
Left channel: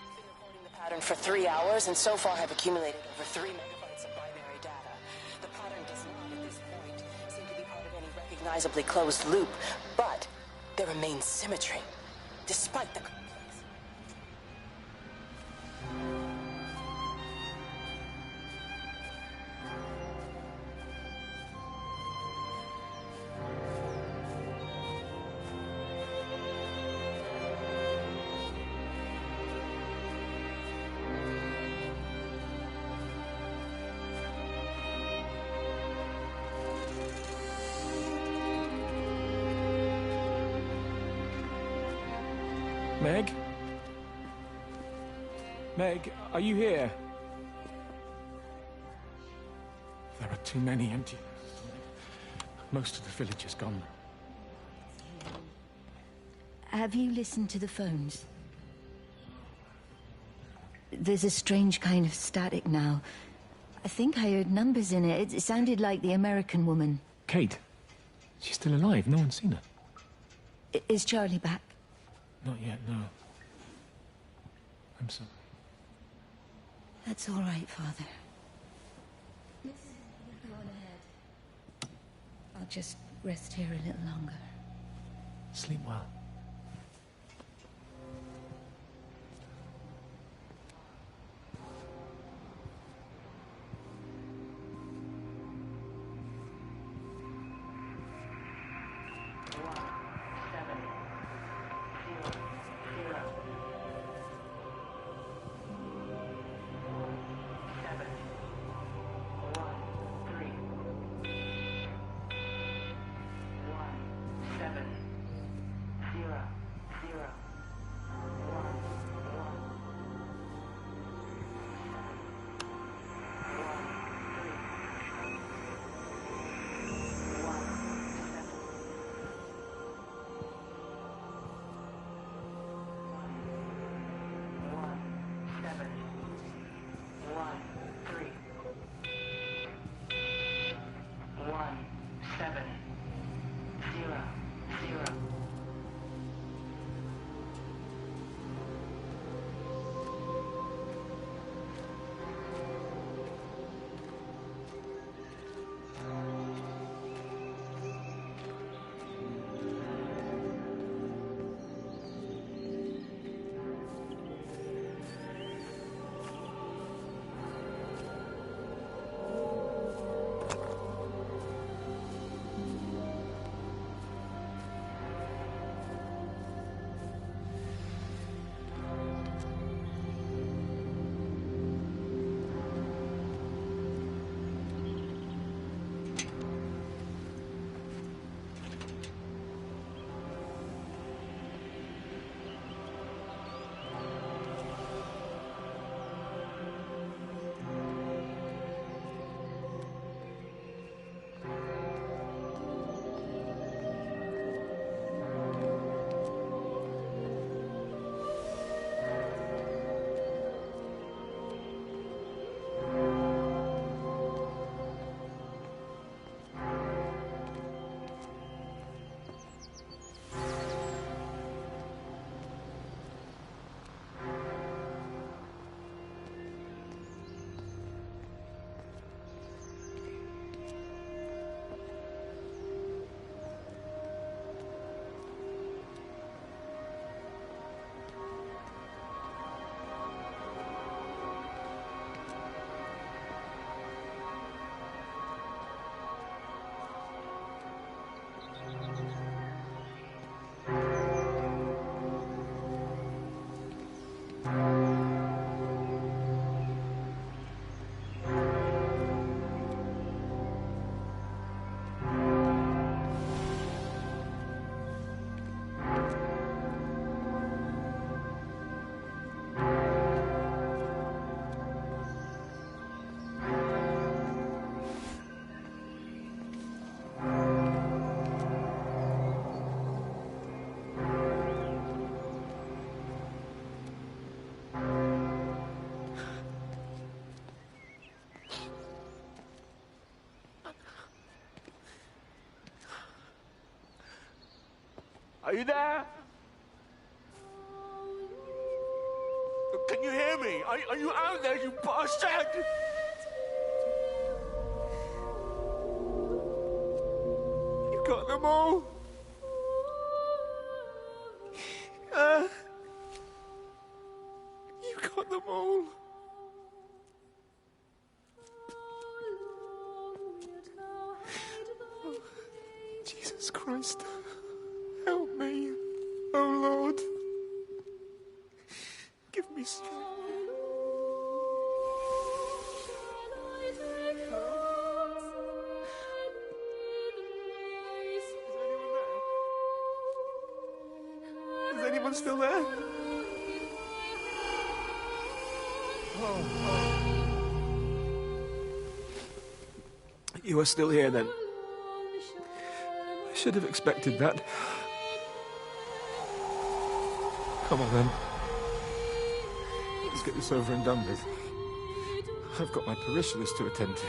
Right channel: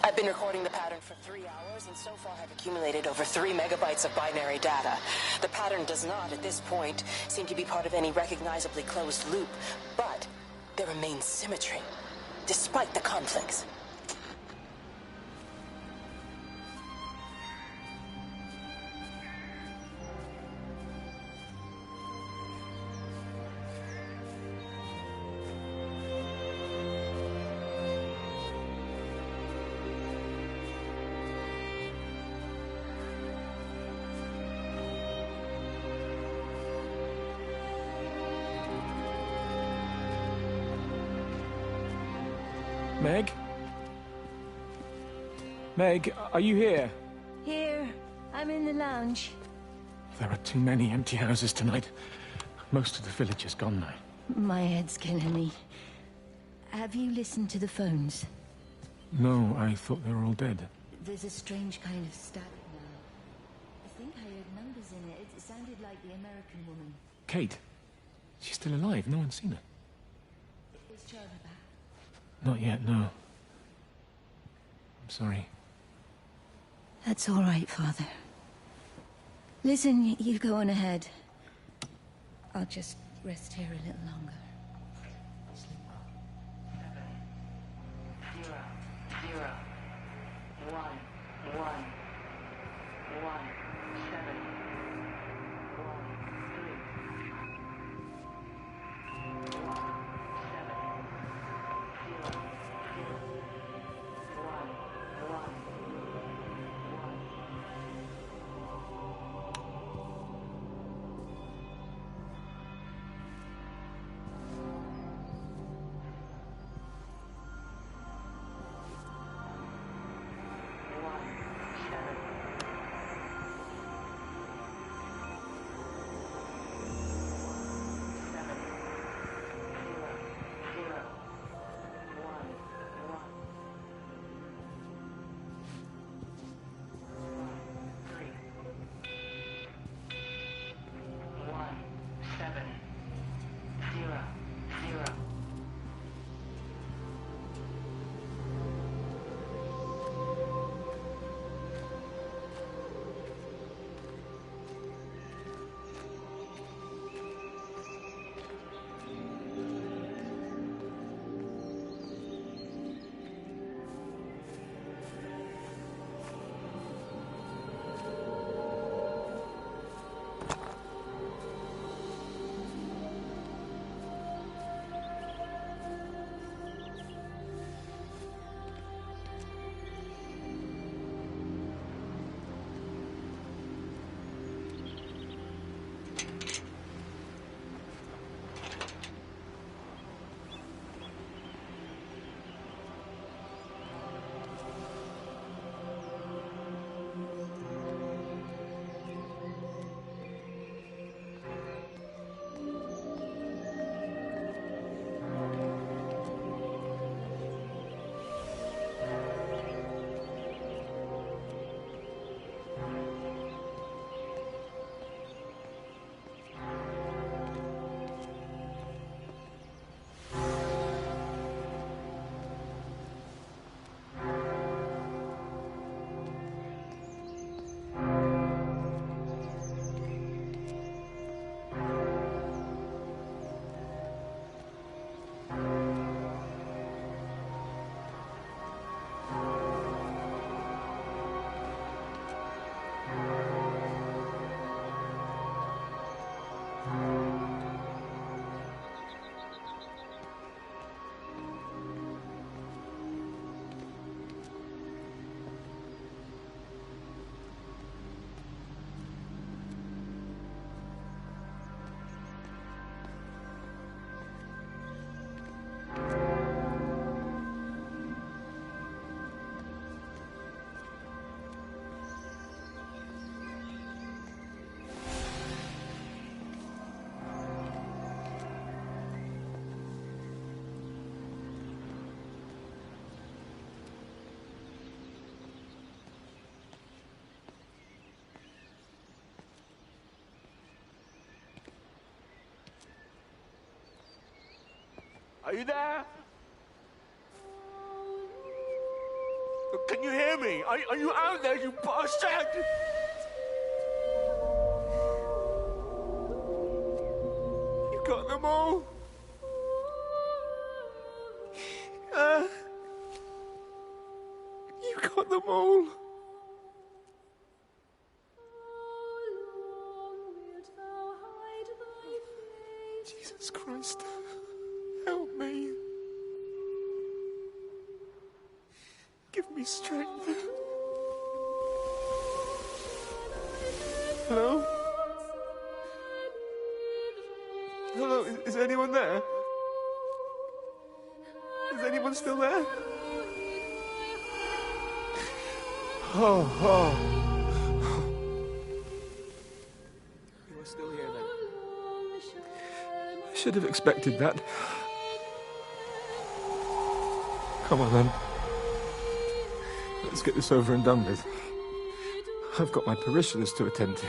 I've been recording the pattern for 3 hours, and so far have accumulated over 3 megabytes of binary data. The pattern does not, at this point, seem to be part of any recognizably closed loop, but there remains symmetry, despite the conflicts. Meg? Meg, are you here? Here. I'm in the lounge. There are too many empty houses tonight. Most of the village is gone now. My head's killing me. Have you listened to the phones? No, I thought they were all dead. There's a strange kind of static now. I think I heard numbers in it. It sounded like the American woman. Kate? She's still alive. No one's seen her. Is Charlie back? Not yet, no. I'm sorry. That's all right, Father. Listen, you go on ahead. I'll just rest here a little longer. Sleep well. Are you there? Can you hear me? Are you out there, you bastard? You got them all? You got them all? Jesus Christ. Help me, oh Lord. Give me strength. Hello? Hello, is anyone there? Is anyone still there? Oh. You are still here then? I should have expected that. Come on, then. Let's get this over and done with. I've got my parishioners to attend to.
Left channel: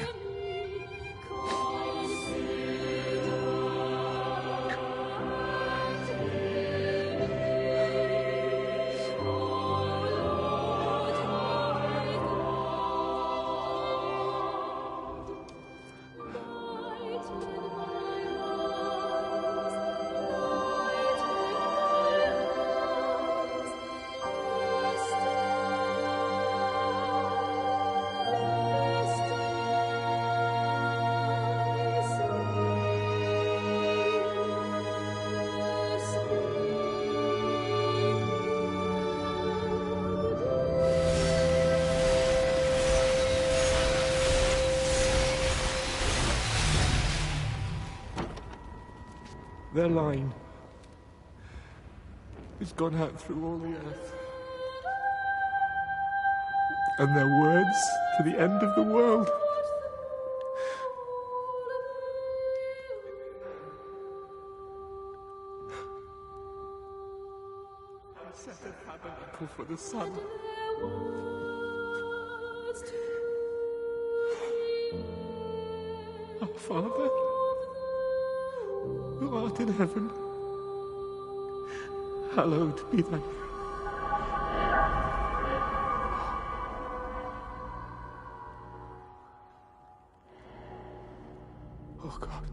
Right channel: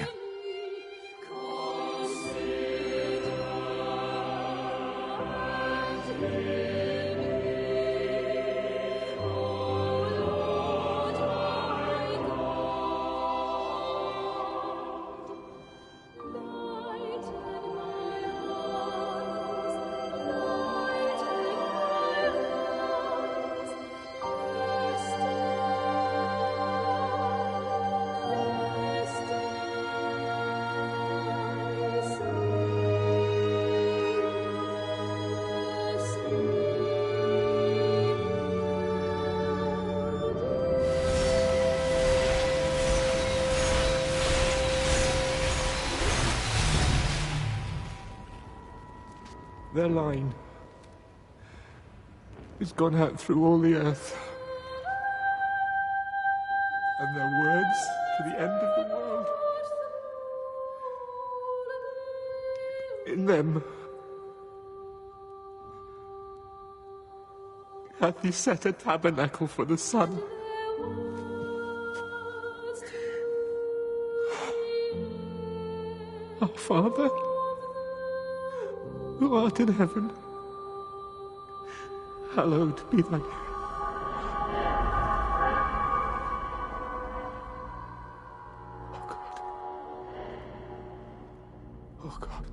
Their line has gone out through all the earth. And their words to the end of the world. In them hath he set a tabernacle for the sun. Our Father, who art in heaven, hallowed be thy name. Oh God.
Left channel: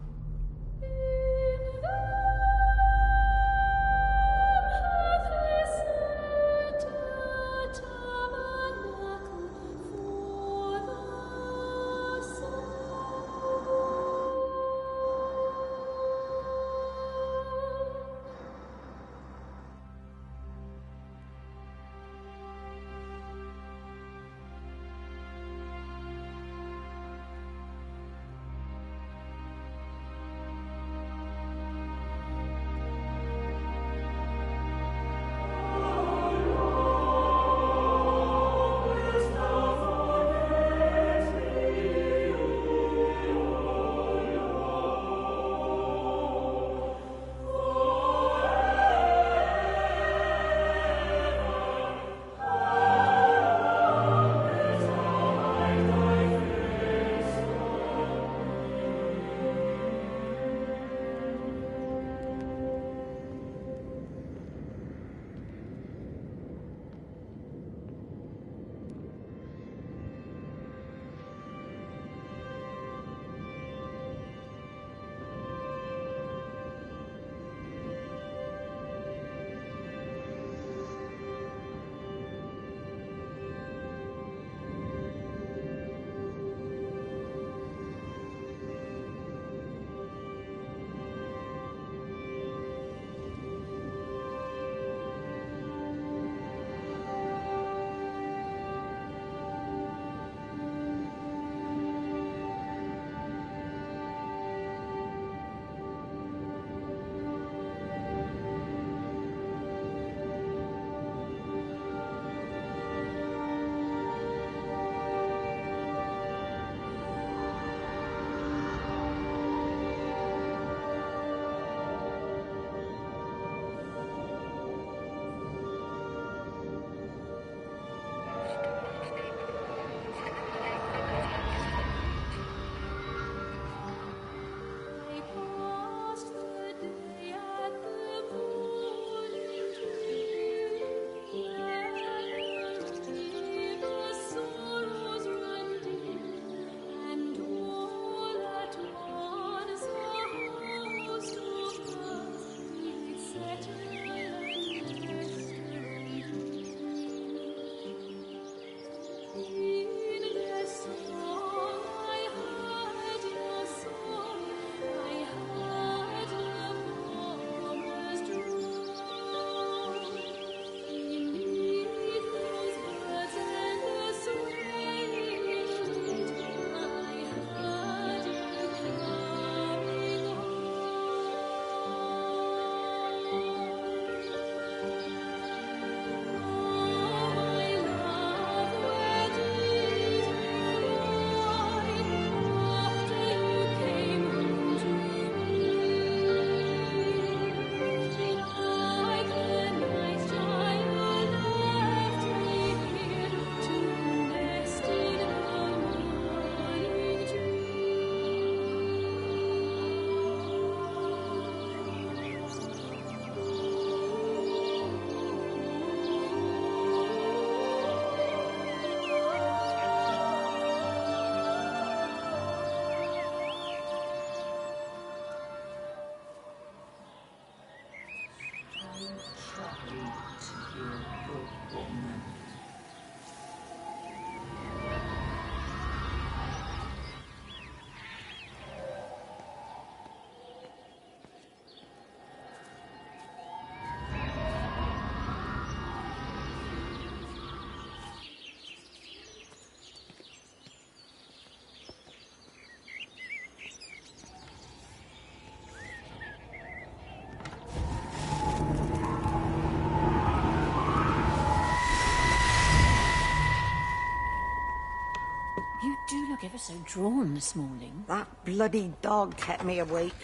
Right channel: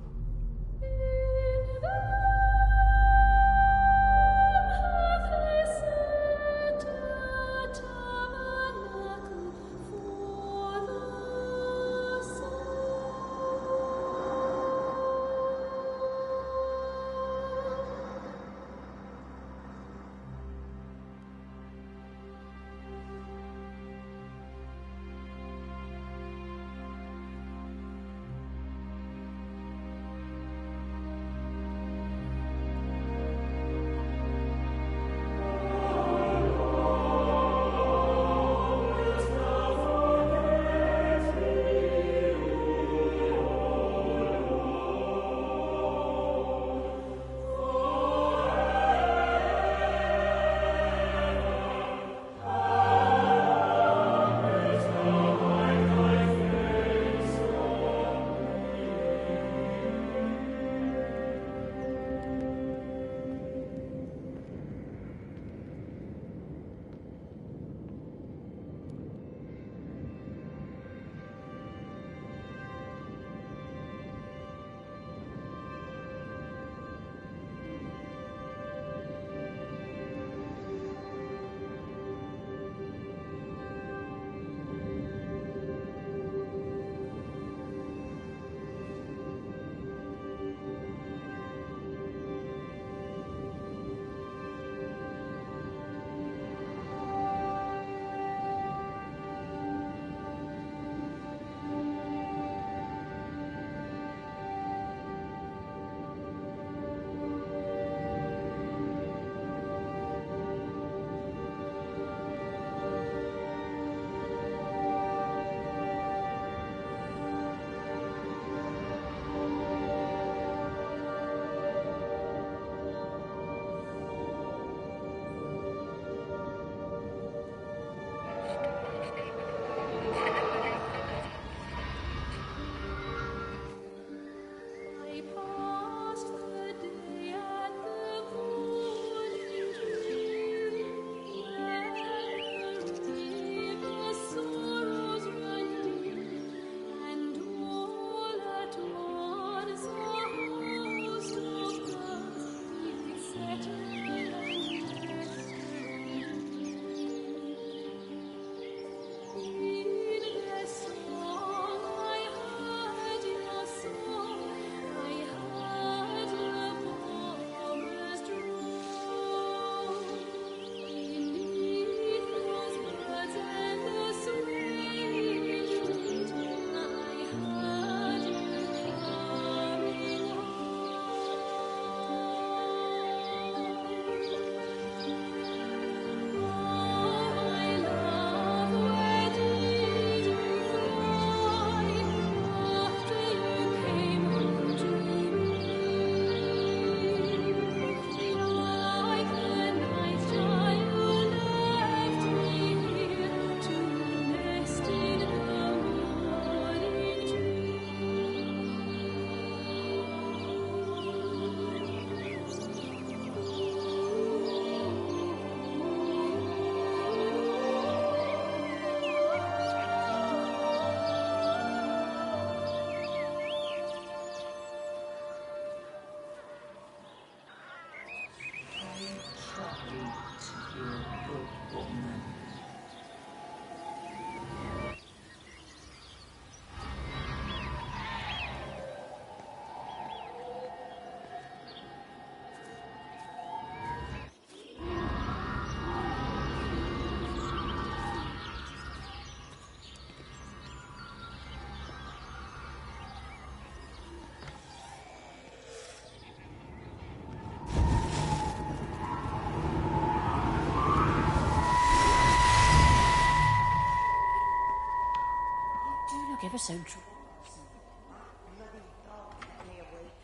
look ever so drawn this morning. That bloody dog kept me awake.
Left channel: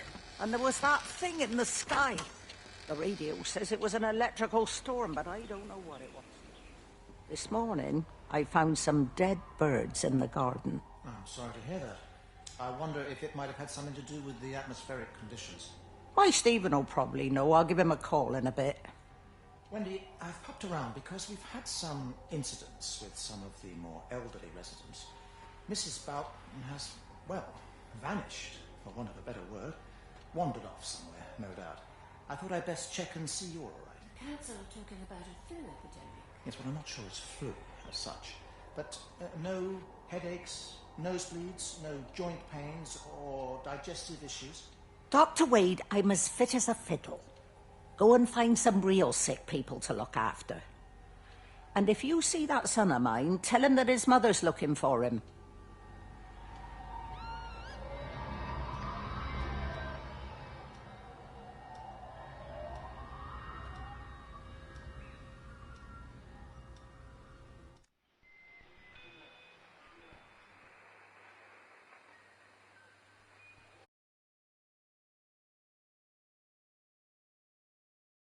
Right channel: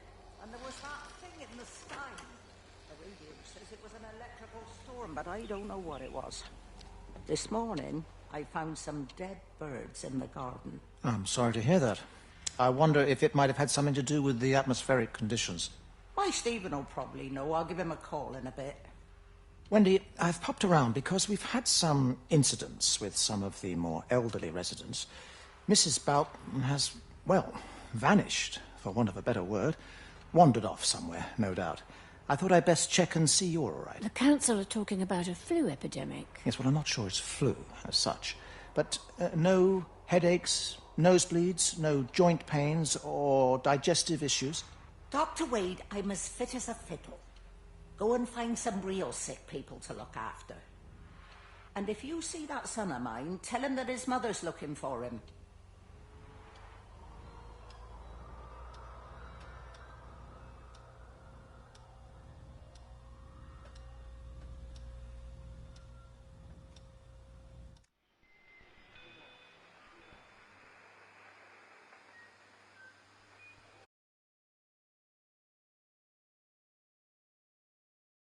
And there was that thing in the sky. The radio says it was an electrical storm, but I don't know what it was. This morning, I found some dead birds in the garden. I'm sorry to hear that. I wonder if it might have had something to do with the atmospheric conditions. Why, Stephen will probably know. I'll give him a call in a bit. Wendy, I've popped around because we've had some incidents with some of the more elderly residents. Mrs. Boughton has, well, vanished, for want of a better word. Wandered off somewhere, no doubt. I thought I'd best check and see you're all right. The council are talking about a flu epidemic. Yes, well, I'm not sure it's flu as such. But no headaches, nosebleeds, no joint pains or digestive issues? Dr. Wade, I'm as fit as a fiddle. Go and find some real sick people to look after. And if you see that son of mine, tell him that his mother's looking for him.